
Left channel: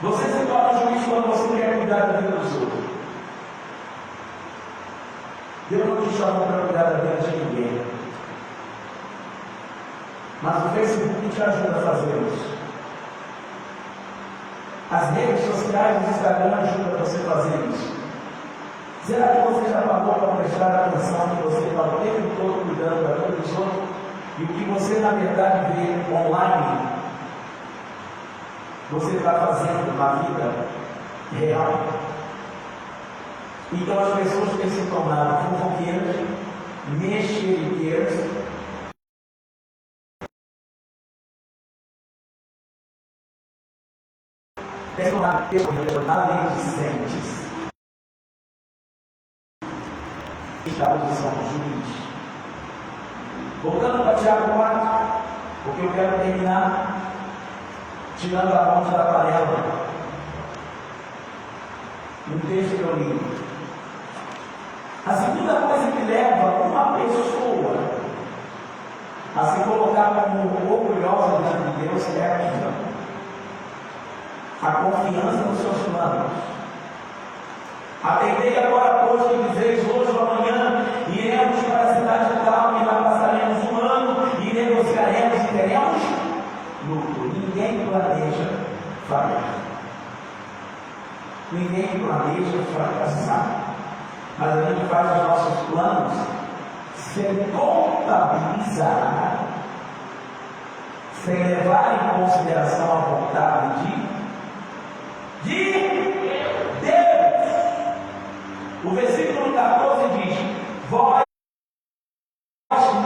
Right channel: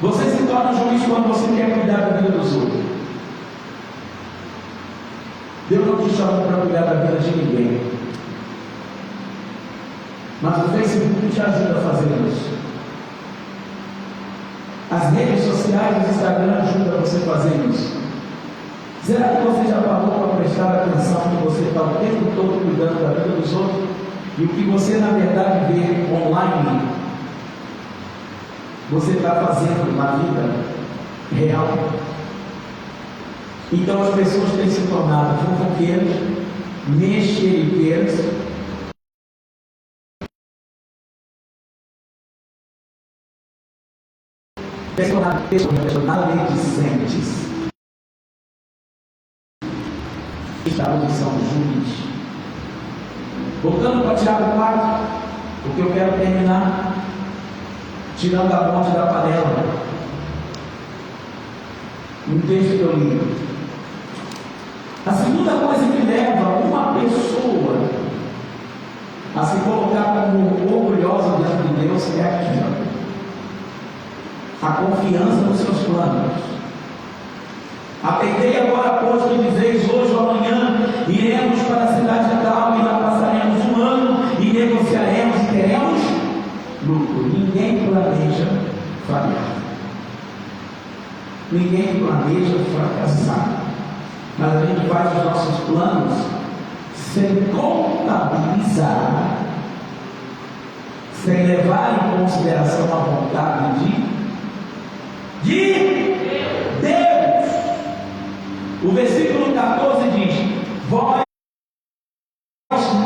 Você se torna juiz quando você quer cuidar da vida dos outros. Deus não te chamou para cuidar da vida de ninguém, mas o Facebook te ajuda a fazer isso. As redes sociais, o Instagram ajudam você a fazer isso. Será que você já parou para prestar atenção que você está o tempo todo cuidando da vida dos outros? E o que você na verdade vê online, você está fazendo na vida real? Então as pessoas têm se tornado fofoqueiras, mexeriqueiras, maledicentes. Estados de São Judas. Voltando para Tiago 4, porque eu quero terminar tirando a ponte da panela. Um texto que eu li. A segunda coisa que leva uma pessoa a se colocar como orgulhosa diante de Deus é aqui, a confiança nos seus planos. Atendei agora, pois, que dizeis hoje ou amanhã, iremos para a cidade de tal, e lá passaremos um ano, e negociaremos e teremos lucro. Ninguém planeja falhar. Ninguém planeja fracassar. Mas a gente faz os nossos planos sem contabilizar, sem levar em consideração a vontade de Deus. O versículo 14 diz: vós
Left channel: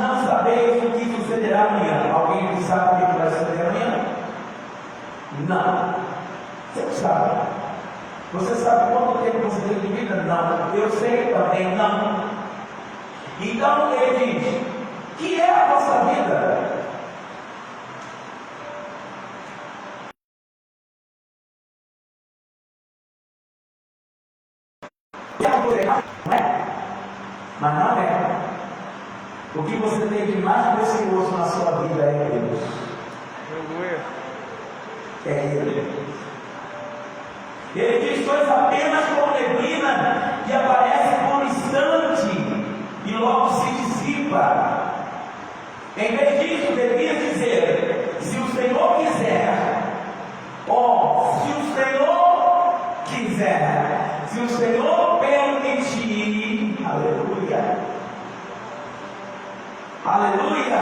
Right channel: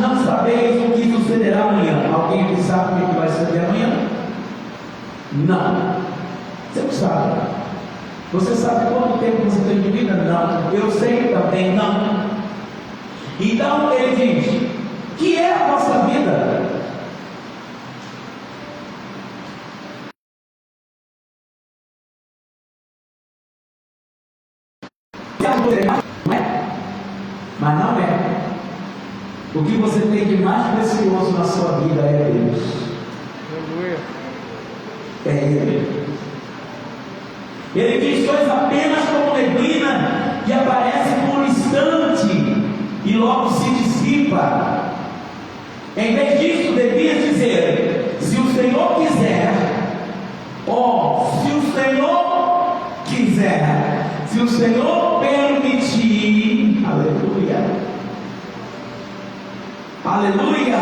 não sabeis o que sucederá amanhã. Alguém aqui sabe o que vai suceder amanhã? Não. Você não sabe. Você sabe quanto tempo você tem de vida? Não. Eu sei também, não. Então ele diz: que é a nossa vida? Não é? Mas não é. O que você tem de mais precioso na sua vida é Deus. É Ele. Ele diz: sois apenas como neblina que aparece por um instante e logo se dissipa. Em vez disso, devia dizer: se o Senhor quiser, se o Senhor quiser, se o Senhor permitir, aleluia, aleluia.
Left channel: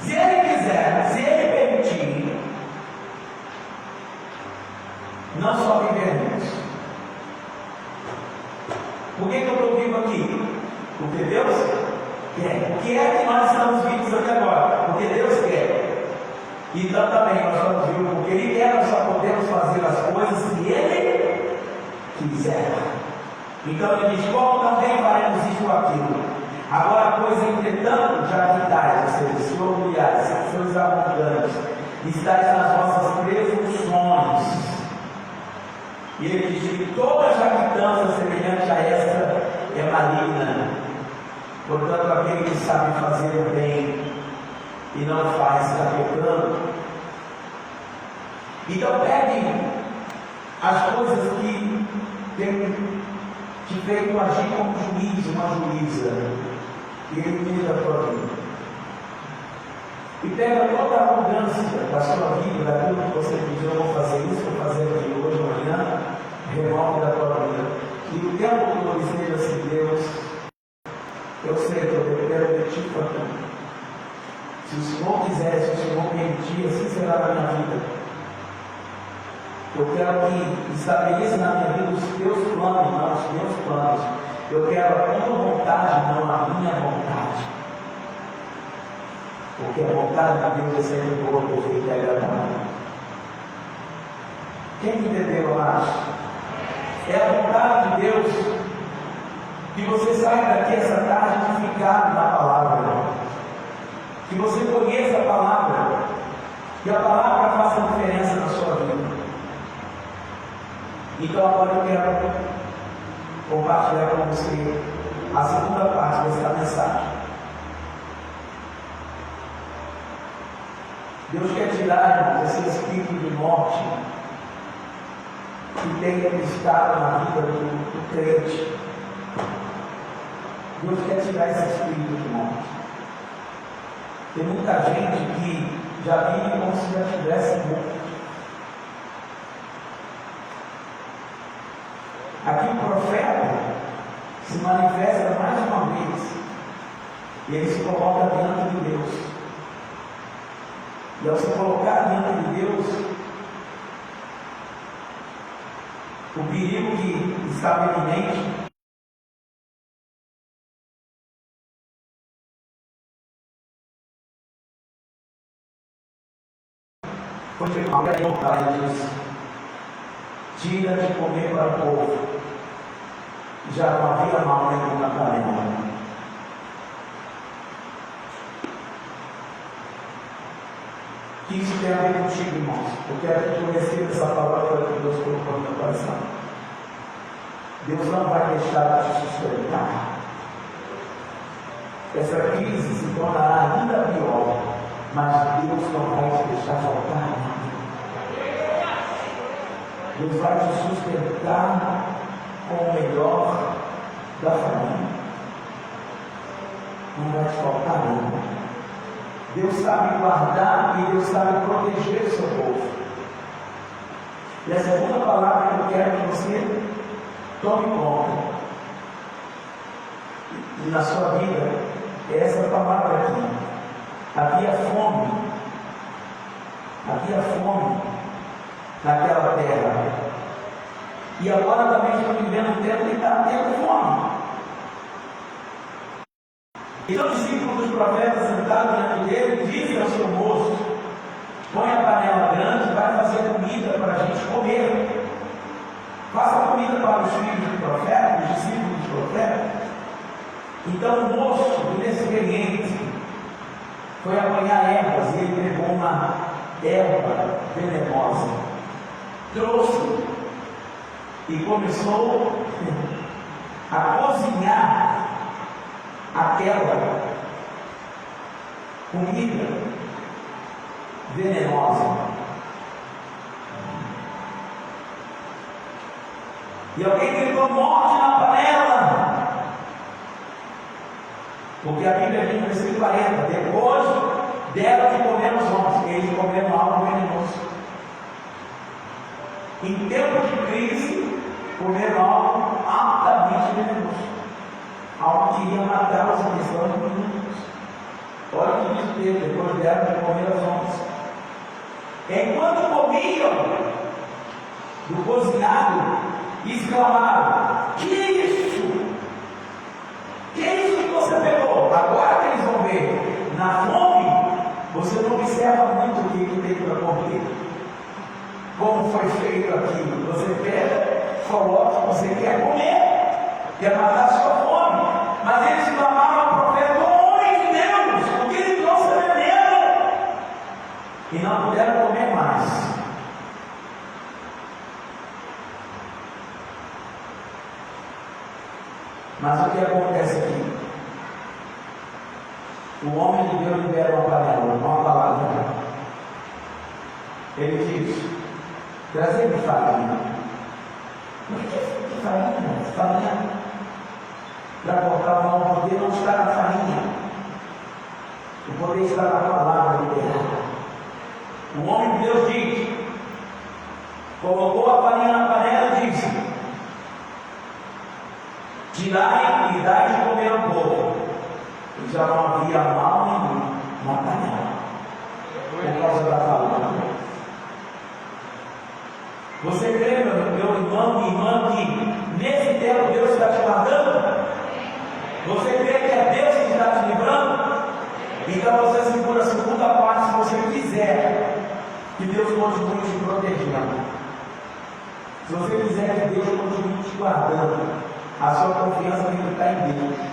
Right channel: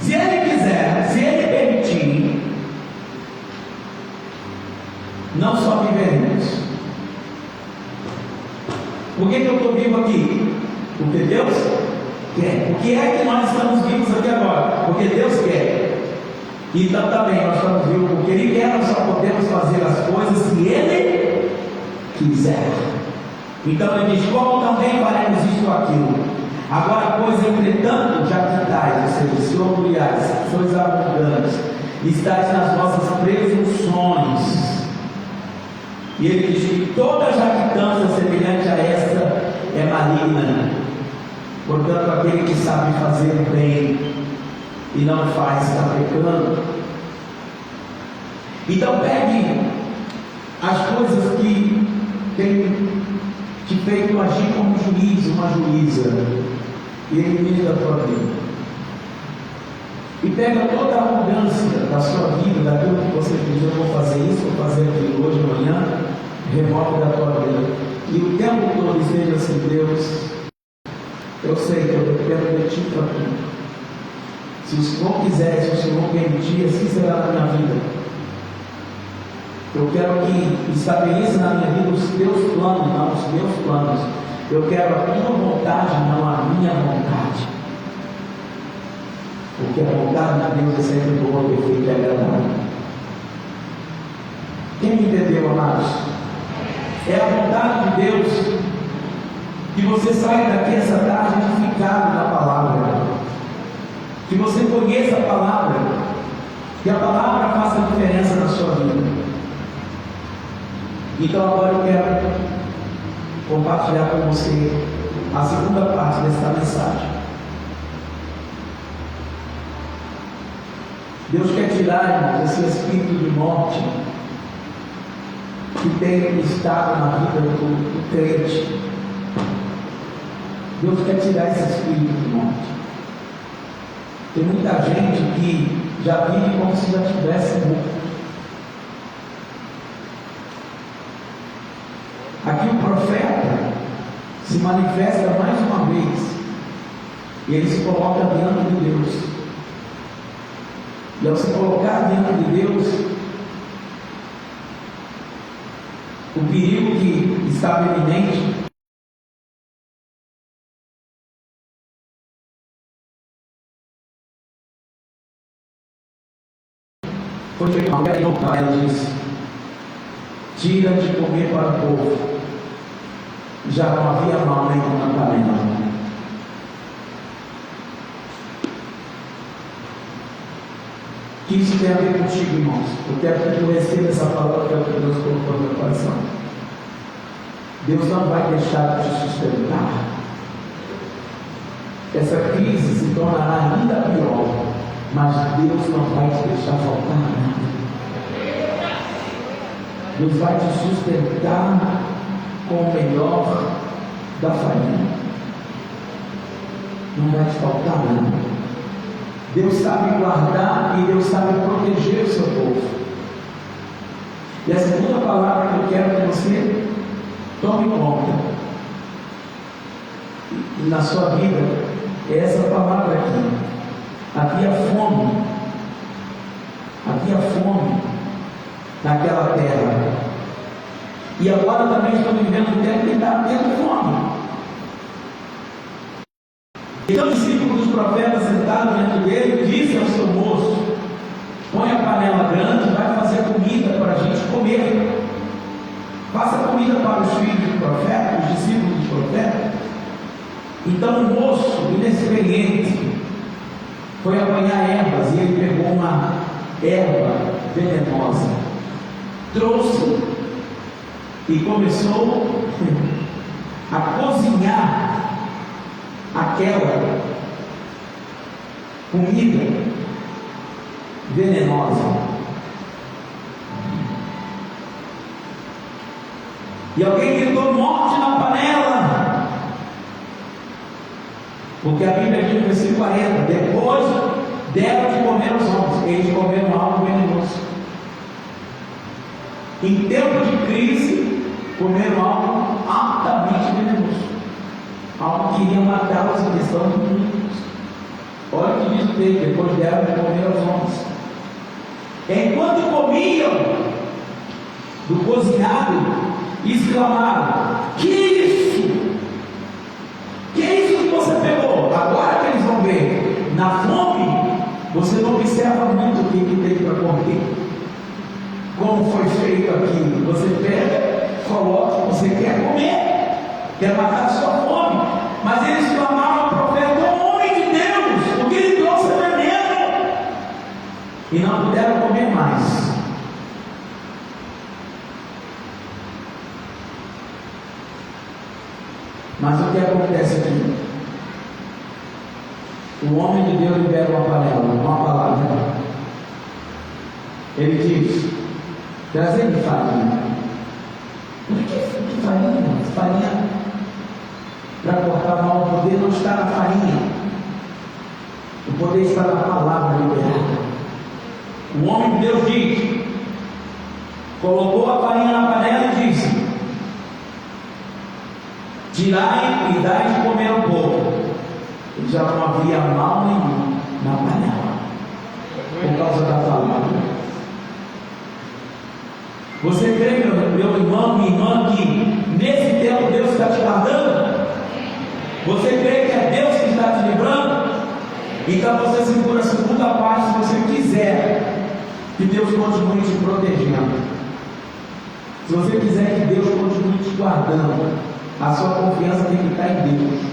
Se Ele quiser, se Ele permitir, não só viveremos. Por que eu estou vivo aqui? Porque Deus quer. Por que é que nós estamos vivos aqui agora? Porque Deus quer. Então também nós estamos vivos porque Ele quer. Nós só podemos fazer as coisas se Ele quiser. Então Ele diz: como também faremos isso ou aquilo. Agora, pois, entretanto, já que tais, ou seja, se orgulhais, sois arrogantes, estáis nas vossas presunções. E ele diz que toda jactância semelhante a esta é maligna. Portanto, aquele que sabe fazer o bem e não faz, está pecando. Então pegue as coisas que tem te feito agir como juiz, uma juíza, e elimine da tua vida. E pega toda a arrogância da sua vida, daquilo que você pediu: eu vou fazer isso, vou fazer aquilo hoje ou amanhã, remove da tua vida. E o tempo todo dizer assim: Deus, eu sei que eu dependo de Ti para tudo. Se o Senhor quiser, se o Senhor permitir, assim será na minha vida. Eu quero que estabeleça na minha vida os Teus planos, não os meus planos. Eu quero a Tua vontade, não a minha vontade. Porque a vontade de Deus é sempre boa, perfeita e agradável. Quem entendeu, amados? É a vontade de Deus que você saia daqui essa tarde edificado na palavra, que você conheça a palavra, que a palavra faça diferença na sua vida. Então agora eu quero compartilhar com você a segunda parte desta mensagem. Deus quer tirar, irmãos, esse espírito de morte que tem estado na vida do crente. Deus quer tirar esse espírito de morte. Tem muita gente que já vive como se já tivesse morto. Aqui o profeta se manifesta mais uma vez e ele se coloca diante de Deus. E ao se colocar diante de Deus, o perigo que estava eminente Foi feito uma pergunta, ela disse: tira de comer para o povo. Já não havia mal nenhum na panela. O que isso tem a ver contigo, irmãos? Eu quero que tu receba essa palavra que Deus colocou no meu coração. Deus não vai deixar de te sustentar. Essa crise se tornará ainda pior, mas Deus não vai te deixar faltar nada. Deus vai te sustentar com o melhor da família. Não vai te faltar nada. Deus sabe guardar e Deus sabe proteger o seu povo. E a segunda palavra que eu quero que você tome conta e na sua vida é essa palavra aqui. Havia fome. Havia fome naquela terra. E agora também estou vivendo um tempo que está tendo fome. Então o discípulo dos profetas sentado diante dele disse ao seu moço: põe a panela grande e vai fazer comida para a gente comer. Faça comida para os filhos do profeta, os discípulos do profeta. Então o moço, inexperiente, foi apanhar ervas e ele pegou uma erva venenosa, trouxe e começou a cozinhar aquela comida venenosa. E alguém gritou: morte na panela. Porque a Bíblia diz no versículo 40: depois deram de comer os homens, eles comeram algo venenoso. Em tempo de crise, comeram algo altamente venenoso, algo que iria matar os cristãos do mundo. Olha o que diz o texto: depois deram de comer aos homens. Enquanto comiam do cozinhado, exclamaram: que isso? Que isso que você pegou? Agora que eles vão ver, na fome, você não observa muito o que tem para comer. Como foi feito aqui? Você pega, coloca, você quer comer, quer matar a sua fome. Mas eles clamaram ao profeta: homem de Deus, o que ele trouxe é veneno. E não puderam comer mais. Mas o que acontece aqui? O homem de Deus libera uma panela, uma palavra. Ele diz: trazei-me farinha. Por que farinha? Farinha para cortar o mal. O poder não está na farinha, o poder está na palavra liberada. O homem de Deus diz, colocou a farinha na panela e disse: tirai e dai de comer ao povo. E já não havia mal nenhum na panela, por causa da palavra. Você crê, meu irmão, minha irmã, que nesse tempo Deus está te guardando? Você crê que é Deus que está te livrando? Então você segura a segunda parte se você quiser que Deus continue te protegendo. Se você quiser que Deus continue te guardando, a sua confiança tem que estar em Deus.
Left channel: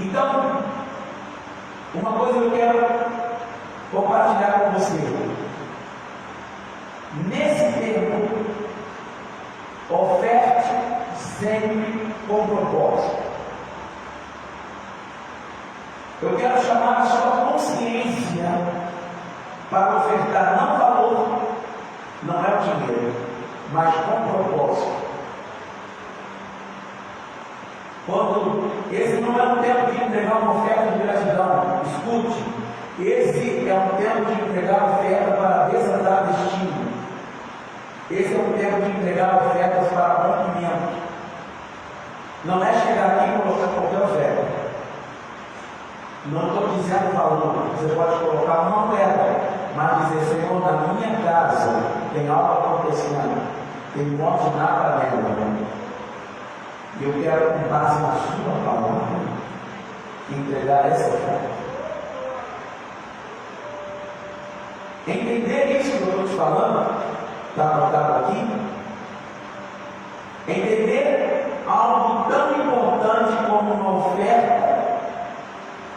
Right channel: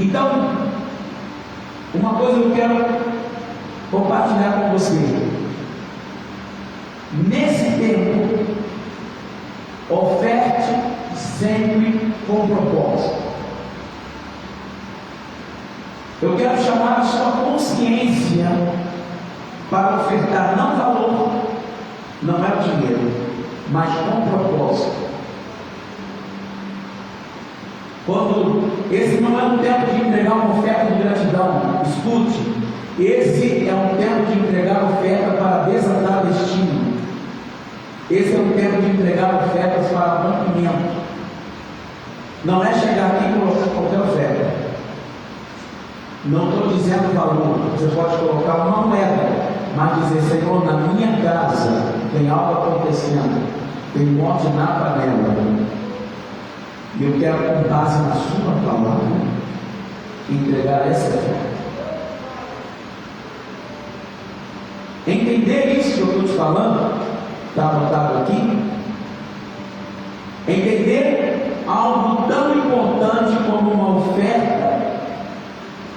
Então, uma coisa eu quero compartilhar com você. Nesse tempo, oferte sempre com propósito. Eu quero chamar a sua consciência para ofertar, não valor, não é o dinheiro, mas com propósito. Quando esse não é um tempo de entregar uma oferta de gratidão, escute, esse é um tempo de entregar oferta para desatar destino. Esse é um tempo de entregar ofertas para rompimento. Não é chegar aqui e colocar qualquer oferta. Não estou dizendo valor, você pode colocar uma moeda, mas dizer: Senhor, na minha casa tem algo acontecendo, tem morte na panela. E eu quero, com base na sua palavra, entregar essa oferta. Entender isso que eu estou te falando, está anotado aqui? Entender algo tão importante como uma oferta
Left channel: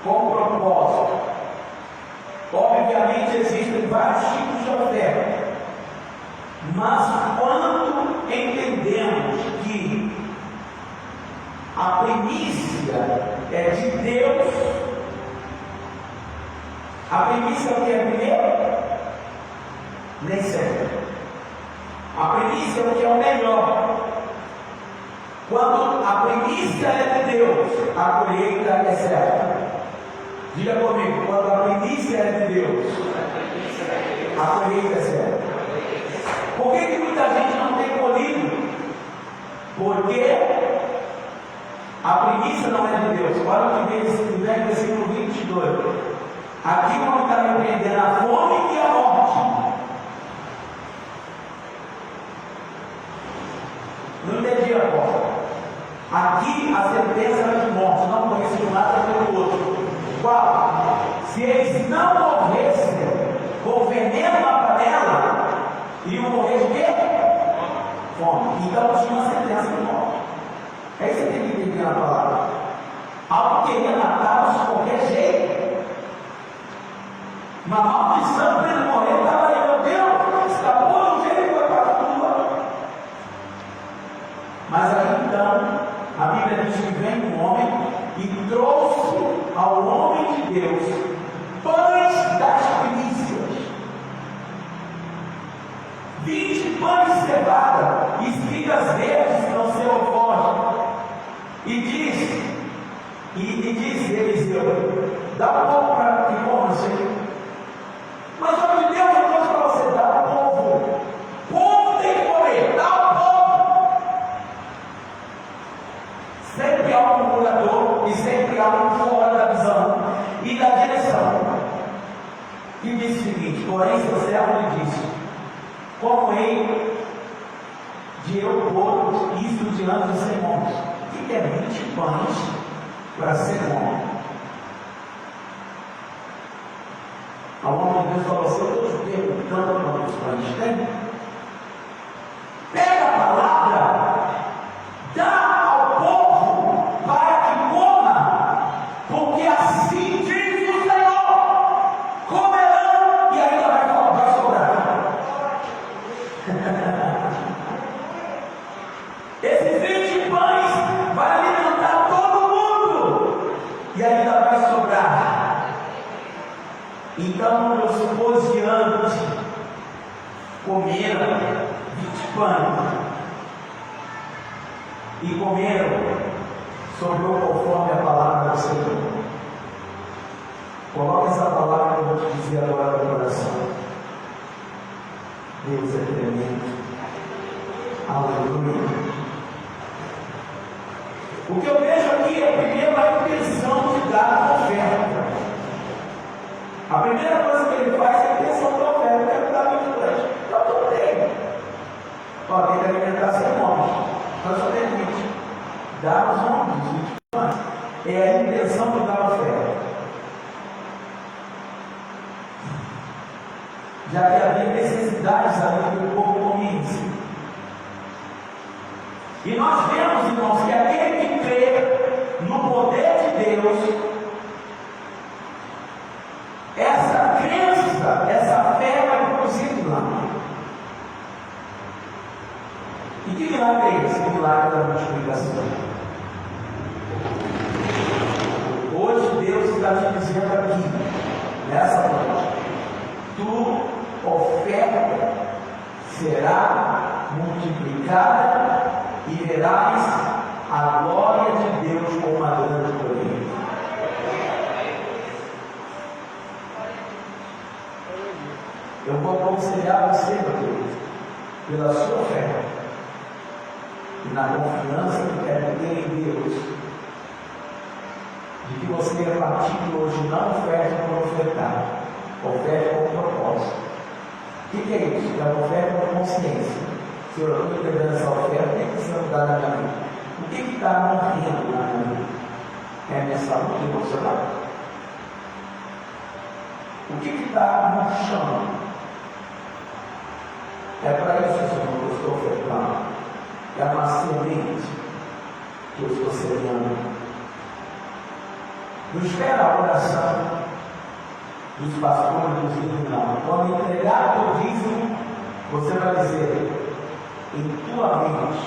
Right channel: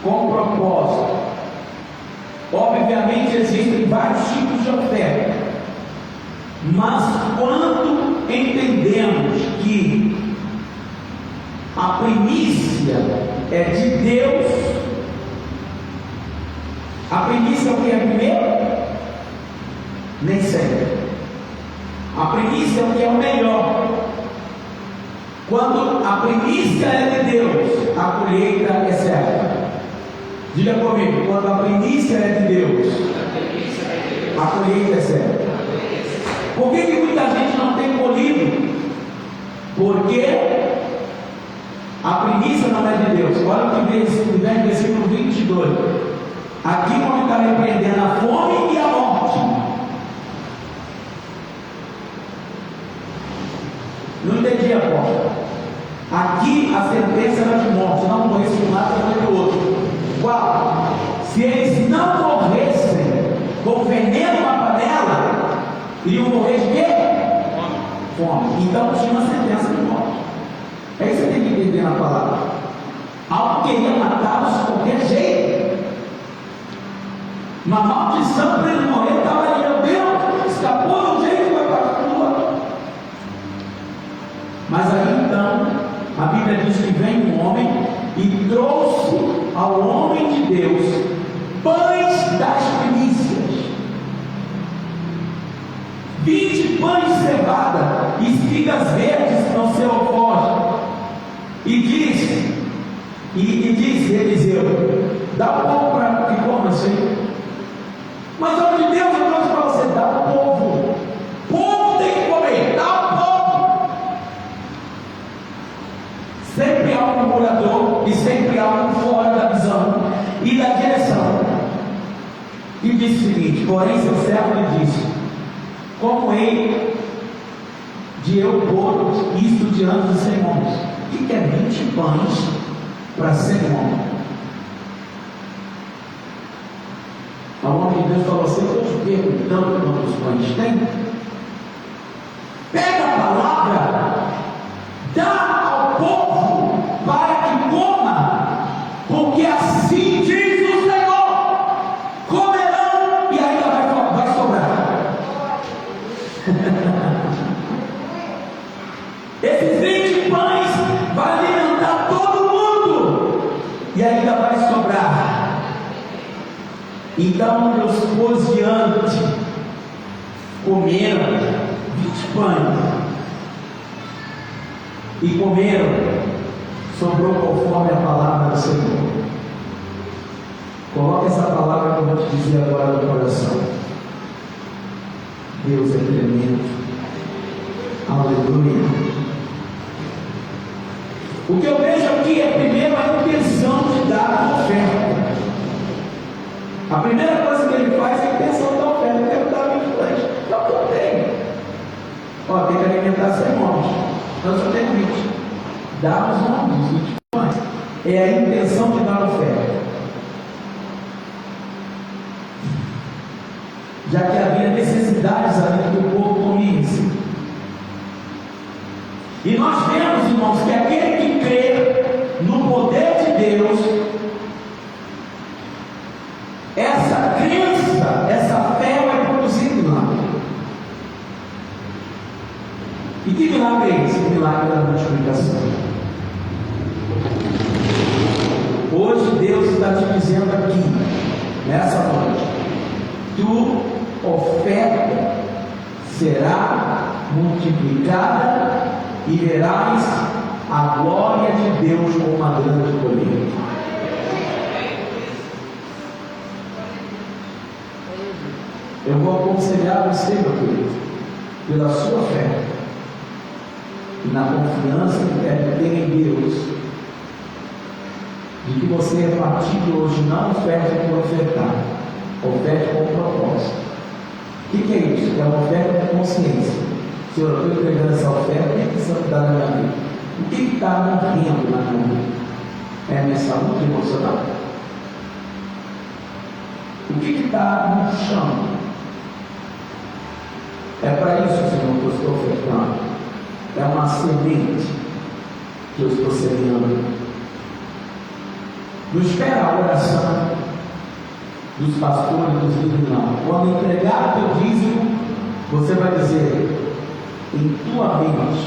com propósito. Obviamente existem vários tipos de oferta, mas quando entendemos que a primícia é de Deus, a primícia é o que é primeiro? Nem sempre. A primícia é o que é o melhor. Quando a primícia é de Deus, a colheita é certa. Diga comigo, quando a primícia é de Deus, a colheita é certa. Por que muita gente não tem colhido? Porque a primícia não é de Deus. Olha o que vem no versículo 22. Aqui o homem está repreendendo a fome e a morte. Não entendi a porta. Aqui a sentença era de morte, não conheço nada pelo outro. Qual? Se eles não morressem com veneno na panela, iriam morrer de quê? Fome. Então tinha uma sentença de morte. É isso que você tem que entender na palavra. Algo queria matá-los de qualquer jeito. Uma maldição para ele morrer, estava aí, meu Deus, escapou de um jeito, vai para a tua. Mas aí então, a Bíblia diz que vem um homem e trouxe ao homem de Deus pães das primícias, 20 pães de cevada, espigas verdes no seu alforje, e diz Eliseu: dá um pouco para que coma assim. Mas o homem de Deus, eu trouxe para você, dá ao povo. O povo tem que comer, dá ao povo. Sempre há um murmurador e sempre há um fora da visão e da direção. E disse o seguinte: porém seu servo lhe disse: como hei de eu pôr isto diante dos 100 homens? O que é 20 pães para 100 homens? A homem de Deus falou assim: eu estou te perguntando quantos pães tem. Pega a palavra, dá ao povo para que coma, porque assim diz o Senhor: comerão e ainda vai sobrar. Esses 20 pães vão alimentar todo mundo e ainda vai sobrar. Então os posiantes comeram 20 pães e comeram, sobrou conforme a palavra do Senhor. Coloque essa palavra que eu vou te dizer agora no coração. Deus é tremendo. Aleluia. O que eu vejo aqui é primeiro a intenção de dar a oferta. A primeira coisa que ele faz é a intenção da oferta. Eu quero dar 20 pães. Não, eu tenho. Ó, tem que alimentar 100 homens. Nós só temos 20. Dá os nomes, 20 pães. É a intenção de dar a oferta. Já que havia necessidades ali que o povo comia. E nós vemos, irmãos, que aquele que crê no poder de Deus, essa crença, essa fé vai produzir milagre. E que milagre é esse? O milagre da multiplicação. Hoje Deus está te dizendo aqui, nessa noite: tua oferta será multiplicada e verás a glória de Deus com uma grande colheita. Eu vou aconselhar você, meu querido, pela sua fé e na confiança que deve ter em Deus, de que você, a partir de hoje, não oferte por ofertar, oferte com propósito. O que é isso? É uma oferta com consciência. Senhor, eu estou entregando essa oferta, o que é que você está na minha vida? O que está morrendo na minha vida? É a minha saúde emocional? O que está no chão? É para isso, Senhor, que eu estou ofertando. É uma semente que eu estou semeando. Não espera a oração dos pastores, dos líderes, não. Quando entregar teu dízimo, você vai dizer em tua mente:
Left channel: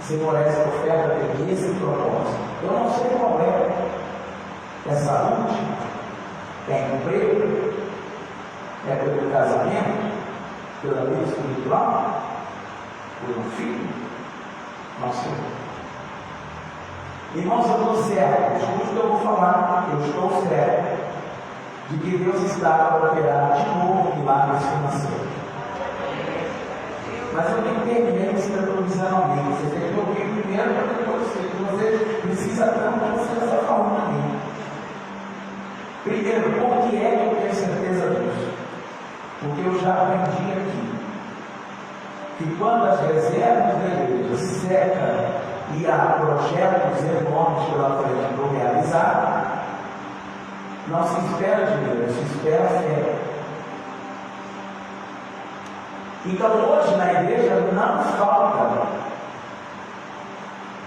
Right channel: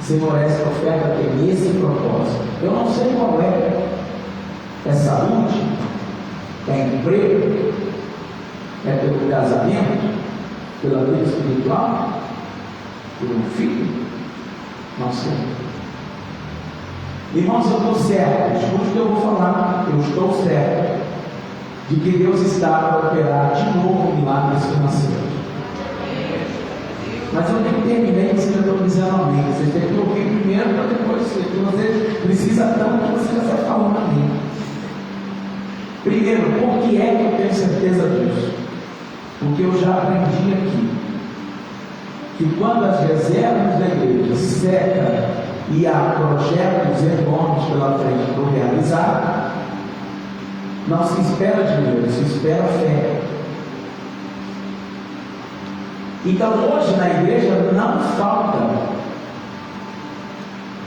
Senhor, essa oferta tem esse propósito. Eu não sei qual é. É saúde? É emprego? É pelo casamento? Pela vida espiritual? Por um filho? Não sei. Irmãos, eu estou certo. Escute o que eu vou falar. Eu estou certo de que Deus está para operar de novo milagres financeiros. Mas eu nem terminei, vocês já estão dizendo amém. Vocês têm que ouvir primeiro para depois você precisa tanto que você já está falando amém. Primeiro, por que é que eu tenho certeza disso? Porque eu já aprendi aqui que quando as reservas da igreja secam e há projetos enormes pela frente para realizar, não se espera dinheiro, se espera fé. Então hoje na igreja não falta,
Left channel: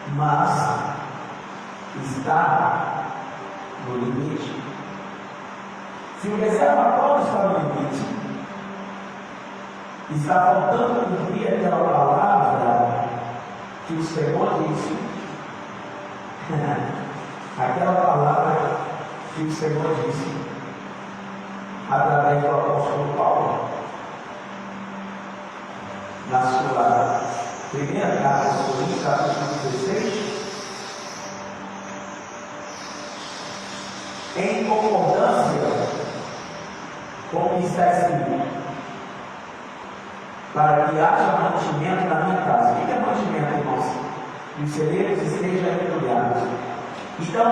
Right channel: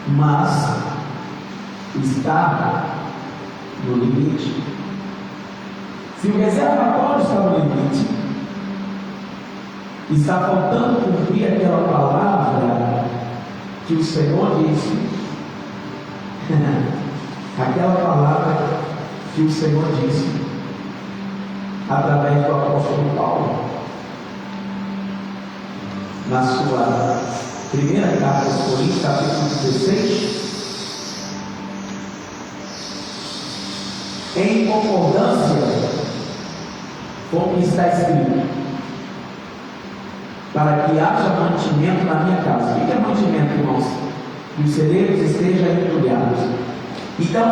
mas está no limite. Se o reservatório está no limite, está faltando cumprir aquela palavra que o Senhor disse, aquela palavra que o Senhor disse através do apóstolo Paulo, na sua primeira carta aos Coríntios, capítulo 16, em concordância com o que está escrito, para que haja mantimento na minha casa. O que é mantimento, irmãos? Que os celeiros estejam entulhados. Então,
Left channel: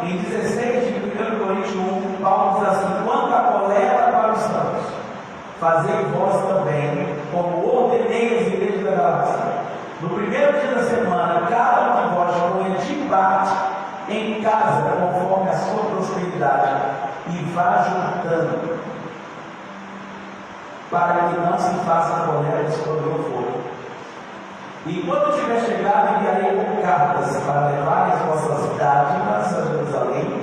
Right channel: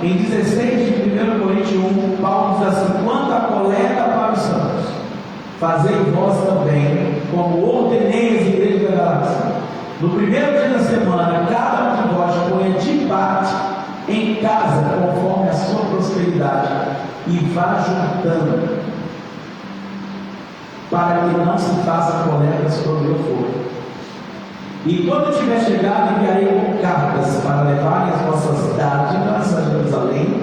em 16 de 1 Coríntios 1, Paulo diz assim: quanto à coleta para os santos, fazei vós também, como ordenei as igrejas da Galácia. No primeiro dia da semana, cada um de vós ponha de parte em casa, conforme a sua prosperidade, e vá juntando, para que não se façam coletas quando eu for. E quando tiver chegado, enviarei cartas para levarem as vossas dádivas a Jerusalém,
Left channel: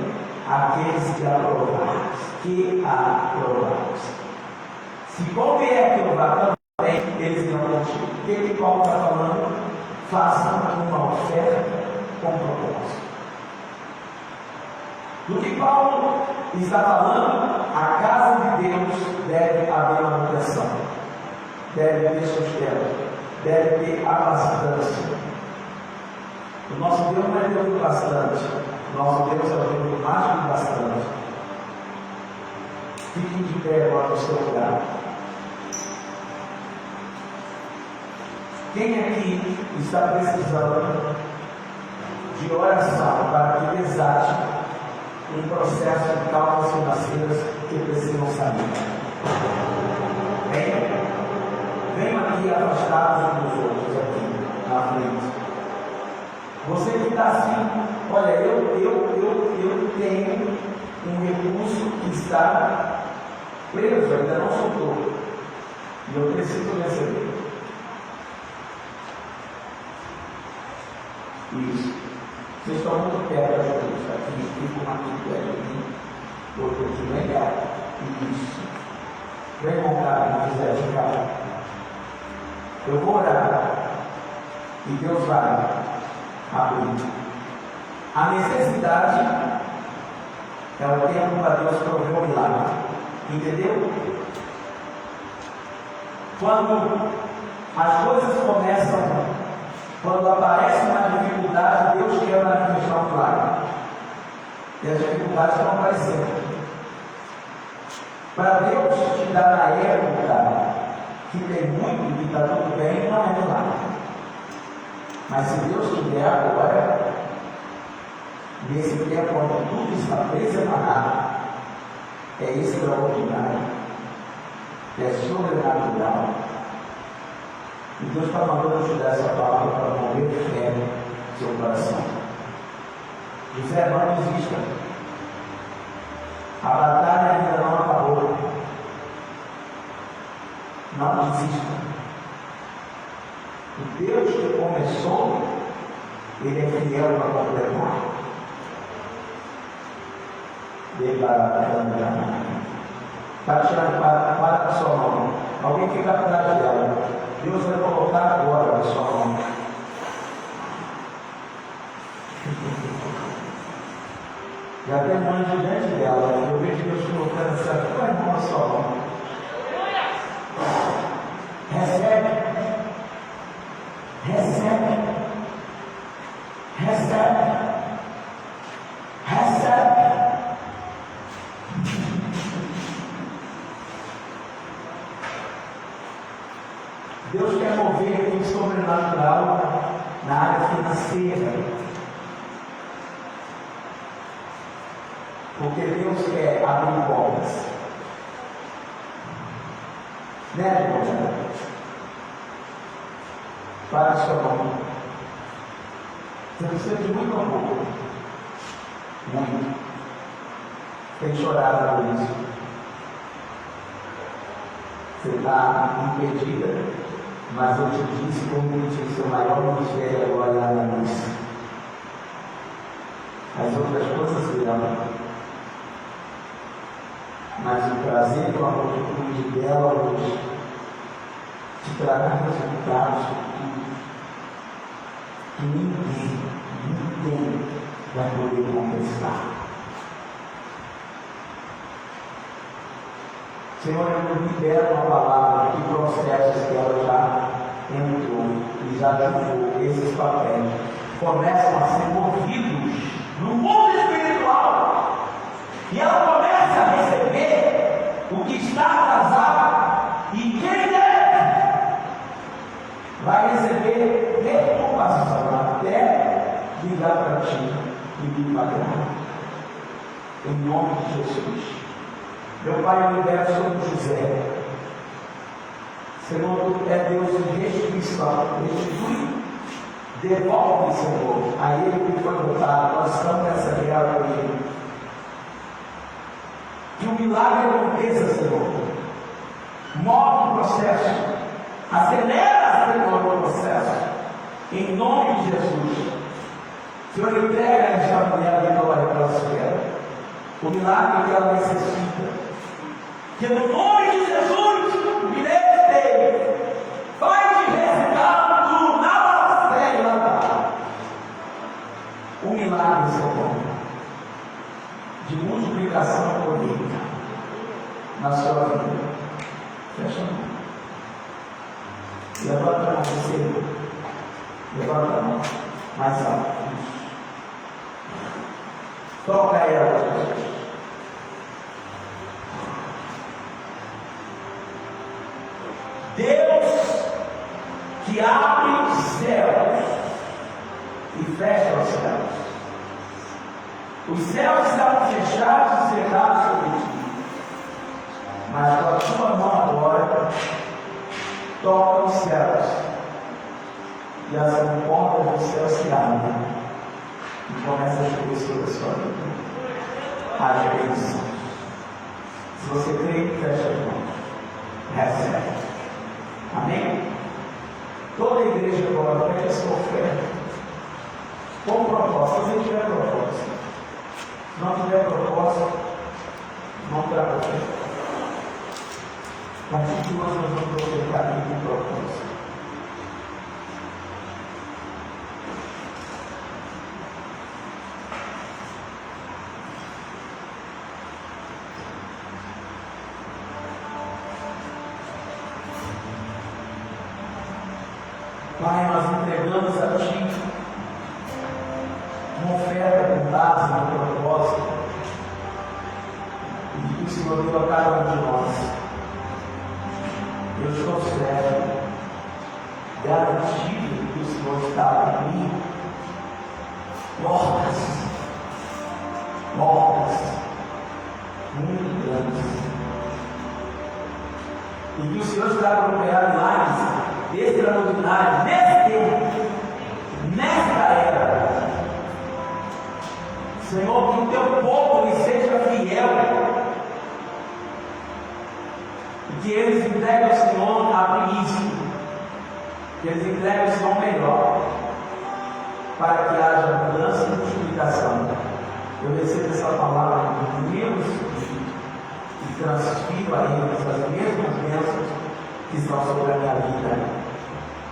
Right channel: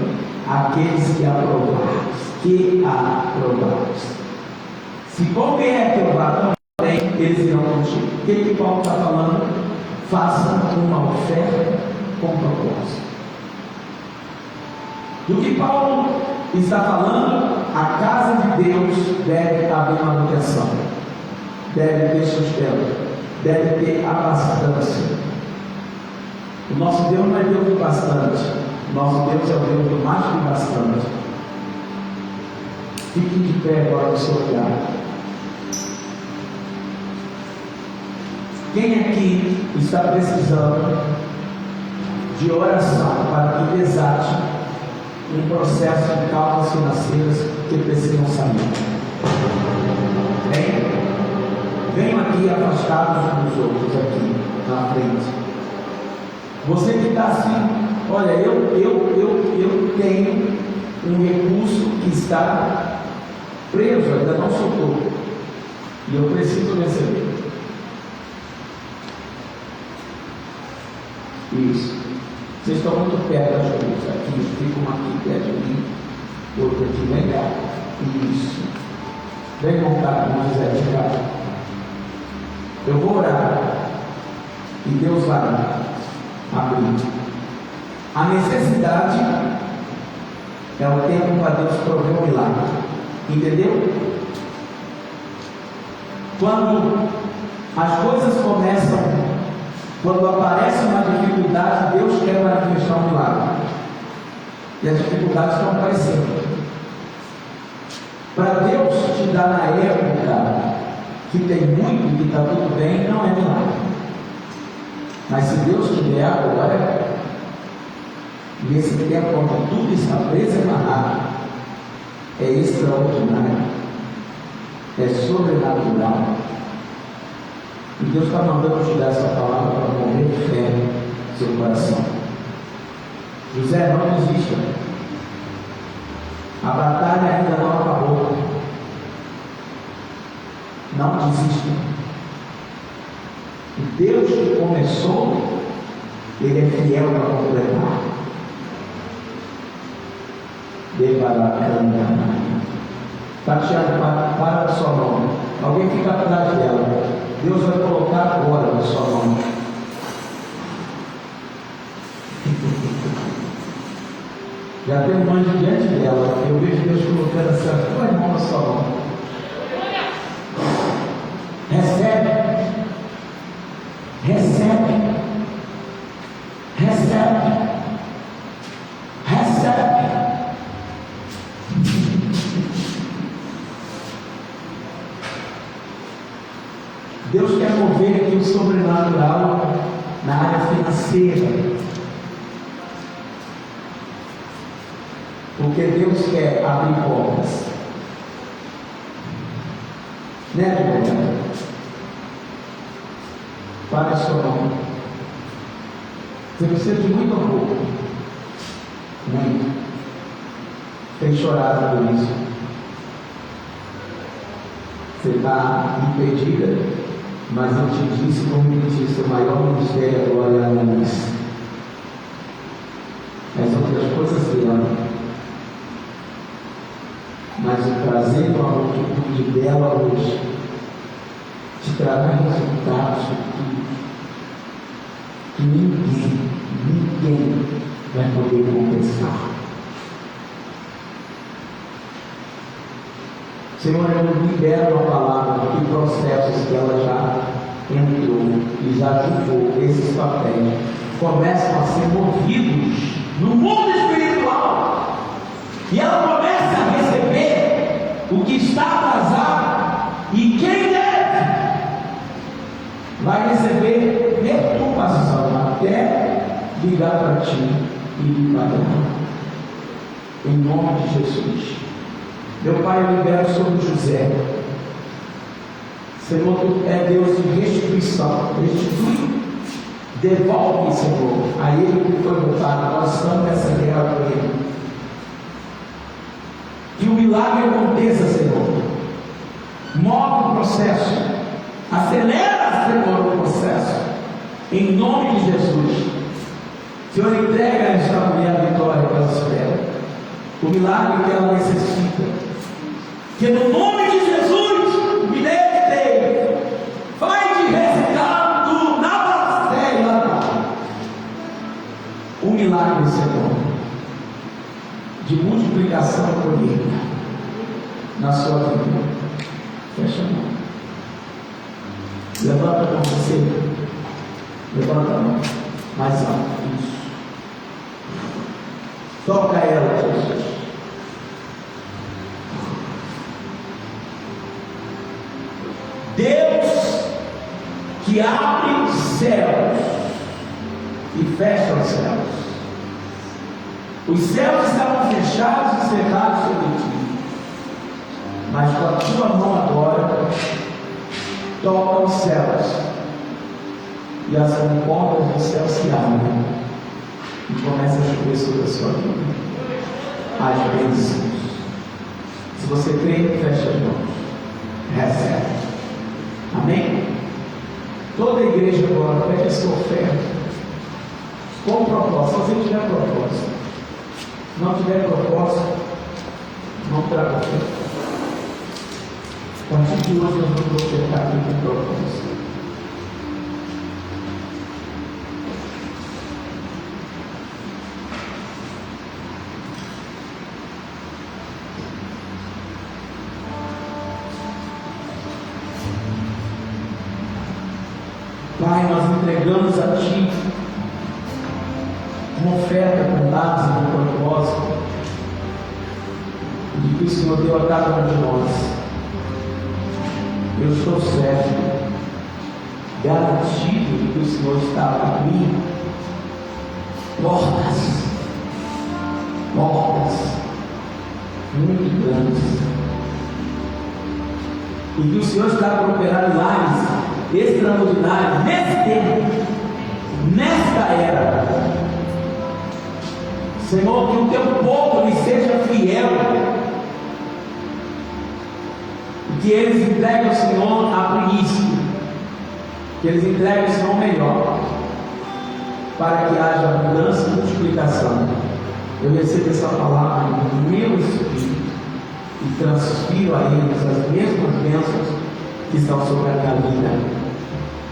àqueles que aprovares. Se convier que eu vá também, eles irão contigo. O que Paulo está falando? Faça uma oferta com propósito. Do que Paulo está falando, a casa de Deus deve haver manutenção, deve ter sustento, deve ter abastância. O nosso Deus não é Deus do bastante, o nosso Deus é o Deus do mais que bastante. Fique de pé agora no seu lugar. Quem aqui está precisando de oração para que desate um processo de causas financeiras que precisam sair? Venham aqui afastados uns dos outros, aqui na frente. Você que está assim, olha, eu tenho um recurso que está preso, ainda não soltou, e eu preciso receber. Isso. Vocês estão muito perto das coisas. Aqui, fica uma aqui perto de mim, outra aqui, legal. Isso. Vem montar com José de cá. Eu vou orar e Deus vai abrir. A necessidade é o tempo para Deus prover o milagre. Entendeu? Quando as coisas começam, quando aparece uma dificuldade, Deus quer manifestar um milagre. E as dificuldades estão aparecendo. Para Deus te dar na época que tem muito e que está tudo bem, não é milagre. Mas se Deus te der agora, nesse tempo onde tudo está preso e amarrado, é extraordinário, é sobrenatural. E Deus está mandando te dar essa palavra para mover fé no seu coração. José, não desista. A batalha ainda não acabou. Não desista. O Deus que começou, Ele é fiel para completar. Tatiana, para a sua mão. Alguém fica atrás dela. Deus vai colocar agora na sua mão. Já tem um anjo diante dela. Eu vejo Deus colocando assim a tua mão na sua mão. Recebe. Recebe. Recebe. Recebe. Deus quer mover aqui o sobrenatural na área financeira. Porque Deus quer abrir portas. Né, irmão? Para o seu nome. Você precisa de muito amor. Muito. Tem chorado por isso. Você está impedida, mas eu te disse como me disse, o maior ministério agora é a Annalise. As outras coisas virão. Mas o prazer do amor que cuide dela hoje te trará resultados que ninguém vai poder compensar. Senhor, eu libero uma palavra de processos que ela já entrou e já julgou. Esses papéis começam a ser movidos no mundo espiritual. E ela começa a receber o que está atrasado. E quem deve vai receber perturbação até ligar para ti e lhe pagar. Em nome de Jesus. Meu Pai, eu libero sobre José. Senhor, tu é Deus de restituição. Restitui. Devolve, Senhor, a ele que foi votado. Nós estamos nessa guerra com ele. Que o milagre aconteça, Senhor. Move o processo. Acelera, Senhor, o processo. Em nome de Jesus. Senhor, entrega esta mulher a vitória que ela espera. O milagre que ela necessita. Pelo nome de Jesus, me dê, vai de resultado na bastela. O milagre, Senhor, de multiplicação e colheita na sua vida. Fecha a mão. Levanta a mão, você. Levanta a mão. Mais alto. Isso. Toca ela, Jesus. Deus que abre os céus e fecha os céus. Os céus estavam fechados e cerrados sobre ti, mas com a tua mão agora toca os céus e as portas dos céus se abrem e começa a chover sobre a sua vida. As bênçãos. Se você crê, fecha as mãos. Recebe. Amém? Toda a igreja agora pede a sua oferta com propósito. Se você tiver propósito, não tiver propósito, não traga oferta. A partir de hoje nós vamos ofertar aqui com propósito. Pai, nós entregamos a Ti uma oferta com dados e com propósito de que o Senhor deu a cada um de nós. Eu estou certo, garantido de que o Senhor está a abrir portas muito grandes, e que o Senhor está a operar milagres extraordinário nesse tempo, nesta era. Senhor, que o teu povo lhe seja fiel, que eles entreguem ao Senhor a primícia, que eles entreguem ao Senhor melhor, para que haja mudança e multiplicação. Eu recebo essa palavra no meu espírito e transfiro a eles as mesmas bênçãos que estão sobre a minha vida,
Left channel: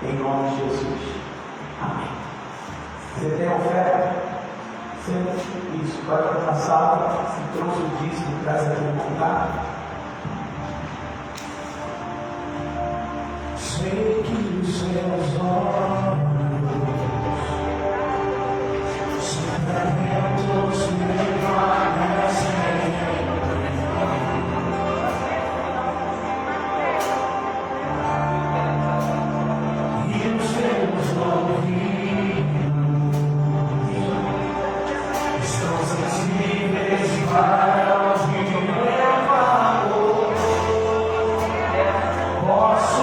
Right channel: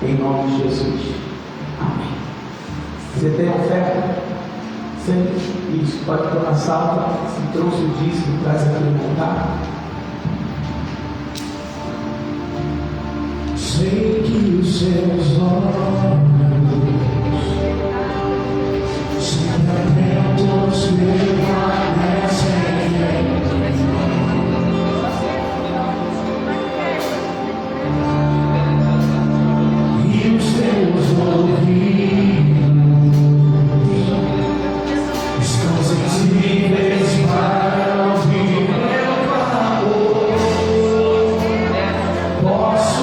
em nome de Jesus. Amém. Você tem oferta? Sempre isso. Pode tomar salva. Se trouxe o dízimo, traz aqui no altar. Sei que os seus olhos sempre atentos permanecem, e os teus ouvidos estão sensíveis para ouvir meu clamor. Posso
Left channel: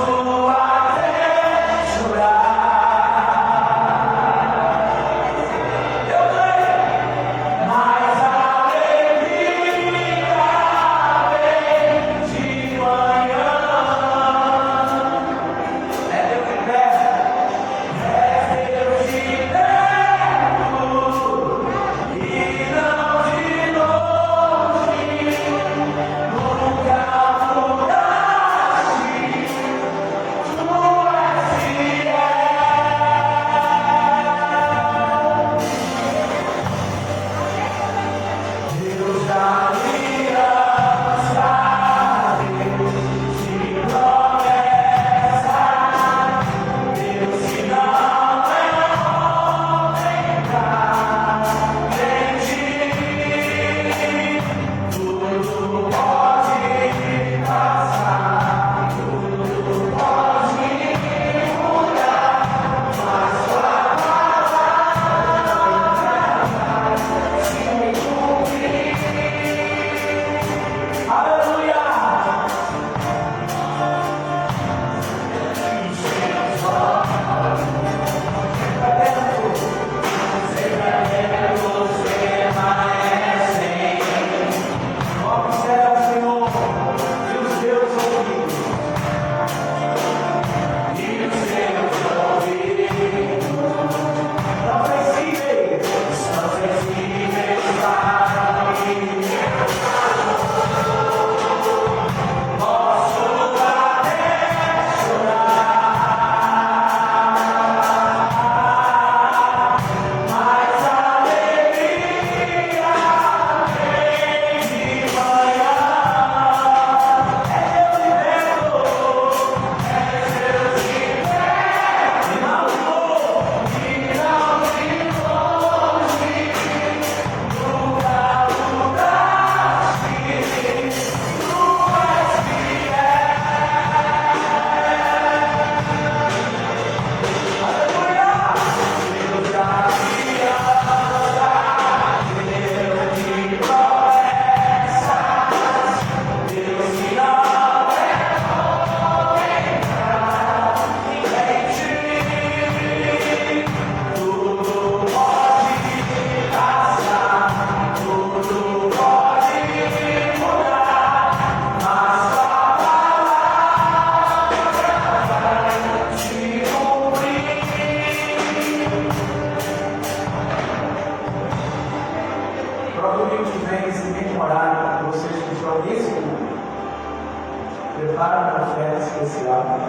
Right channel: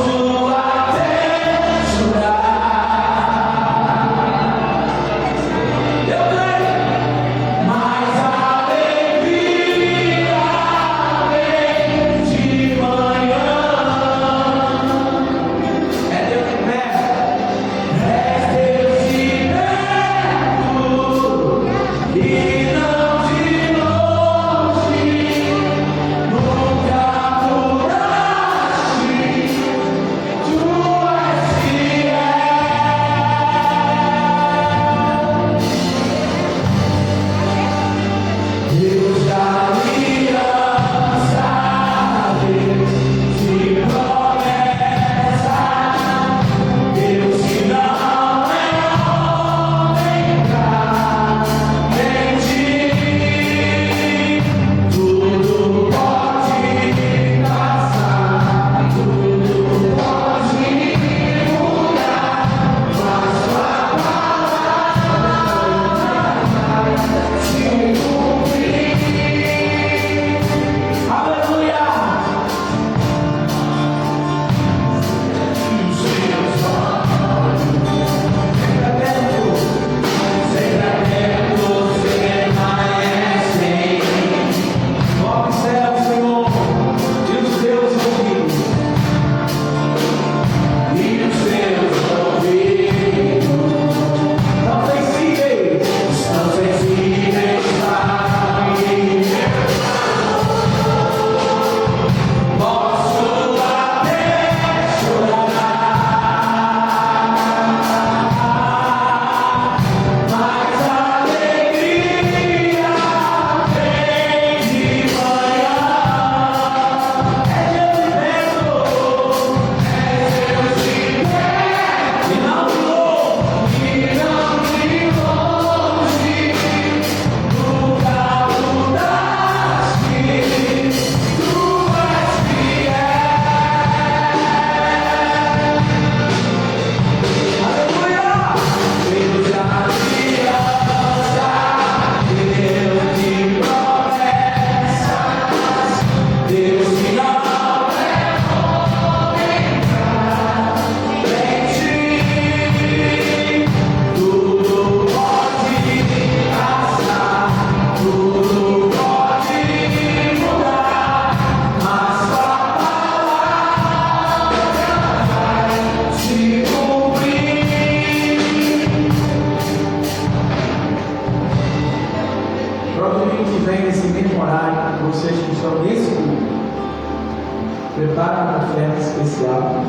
prepara uma oferta especial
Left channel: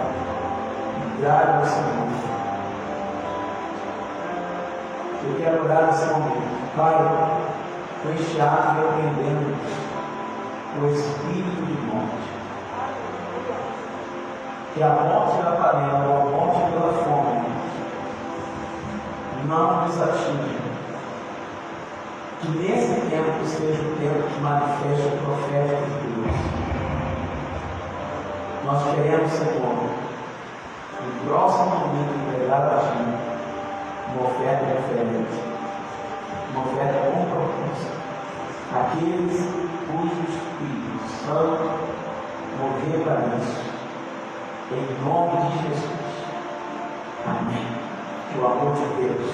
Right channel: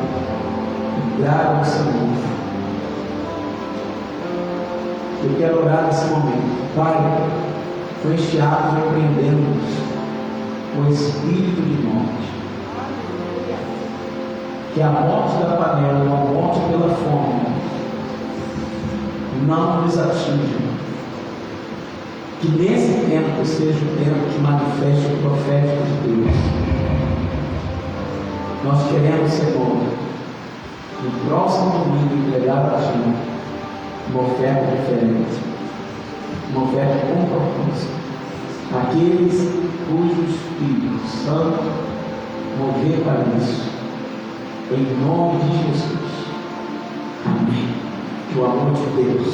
e traga ao Senhor. Eu quero orar nesse momento. Pai, com este ato repreendemos o espírito de morte. Que a morte da panela ou a morte pela fome não nos atinja. Que nesse tempo seja o tempo que manifeste o profeta de Deus. Nós queremos, Senhor, no próximo domingo entregar a Ti uma oferta diferente, uma oferta com propósito. Aqueles cujo Espírito Santo mover para isso, em nome de Jesus. Amém. Que o amor de Deus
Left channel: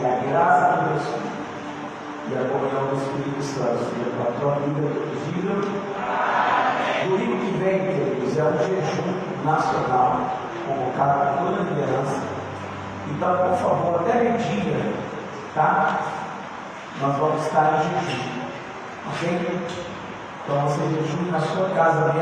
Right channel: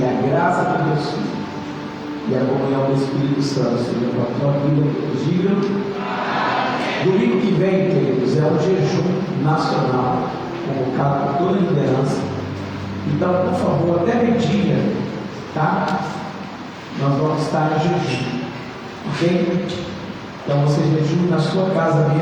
e a graça de Deus e a comunhão do Espírito Santo seja com a tua vida. Diga. Amém. Domingo que vem, queridos, é um jejum nacional, convocado por toda a liderança. Então, por favor, até meio-dia, tá? Nós vamos estar em jejum, ok? Então, você jejum na sua casa mesmo.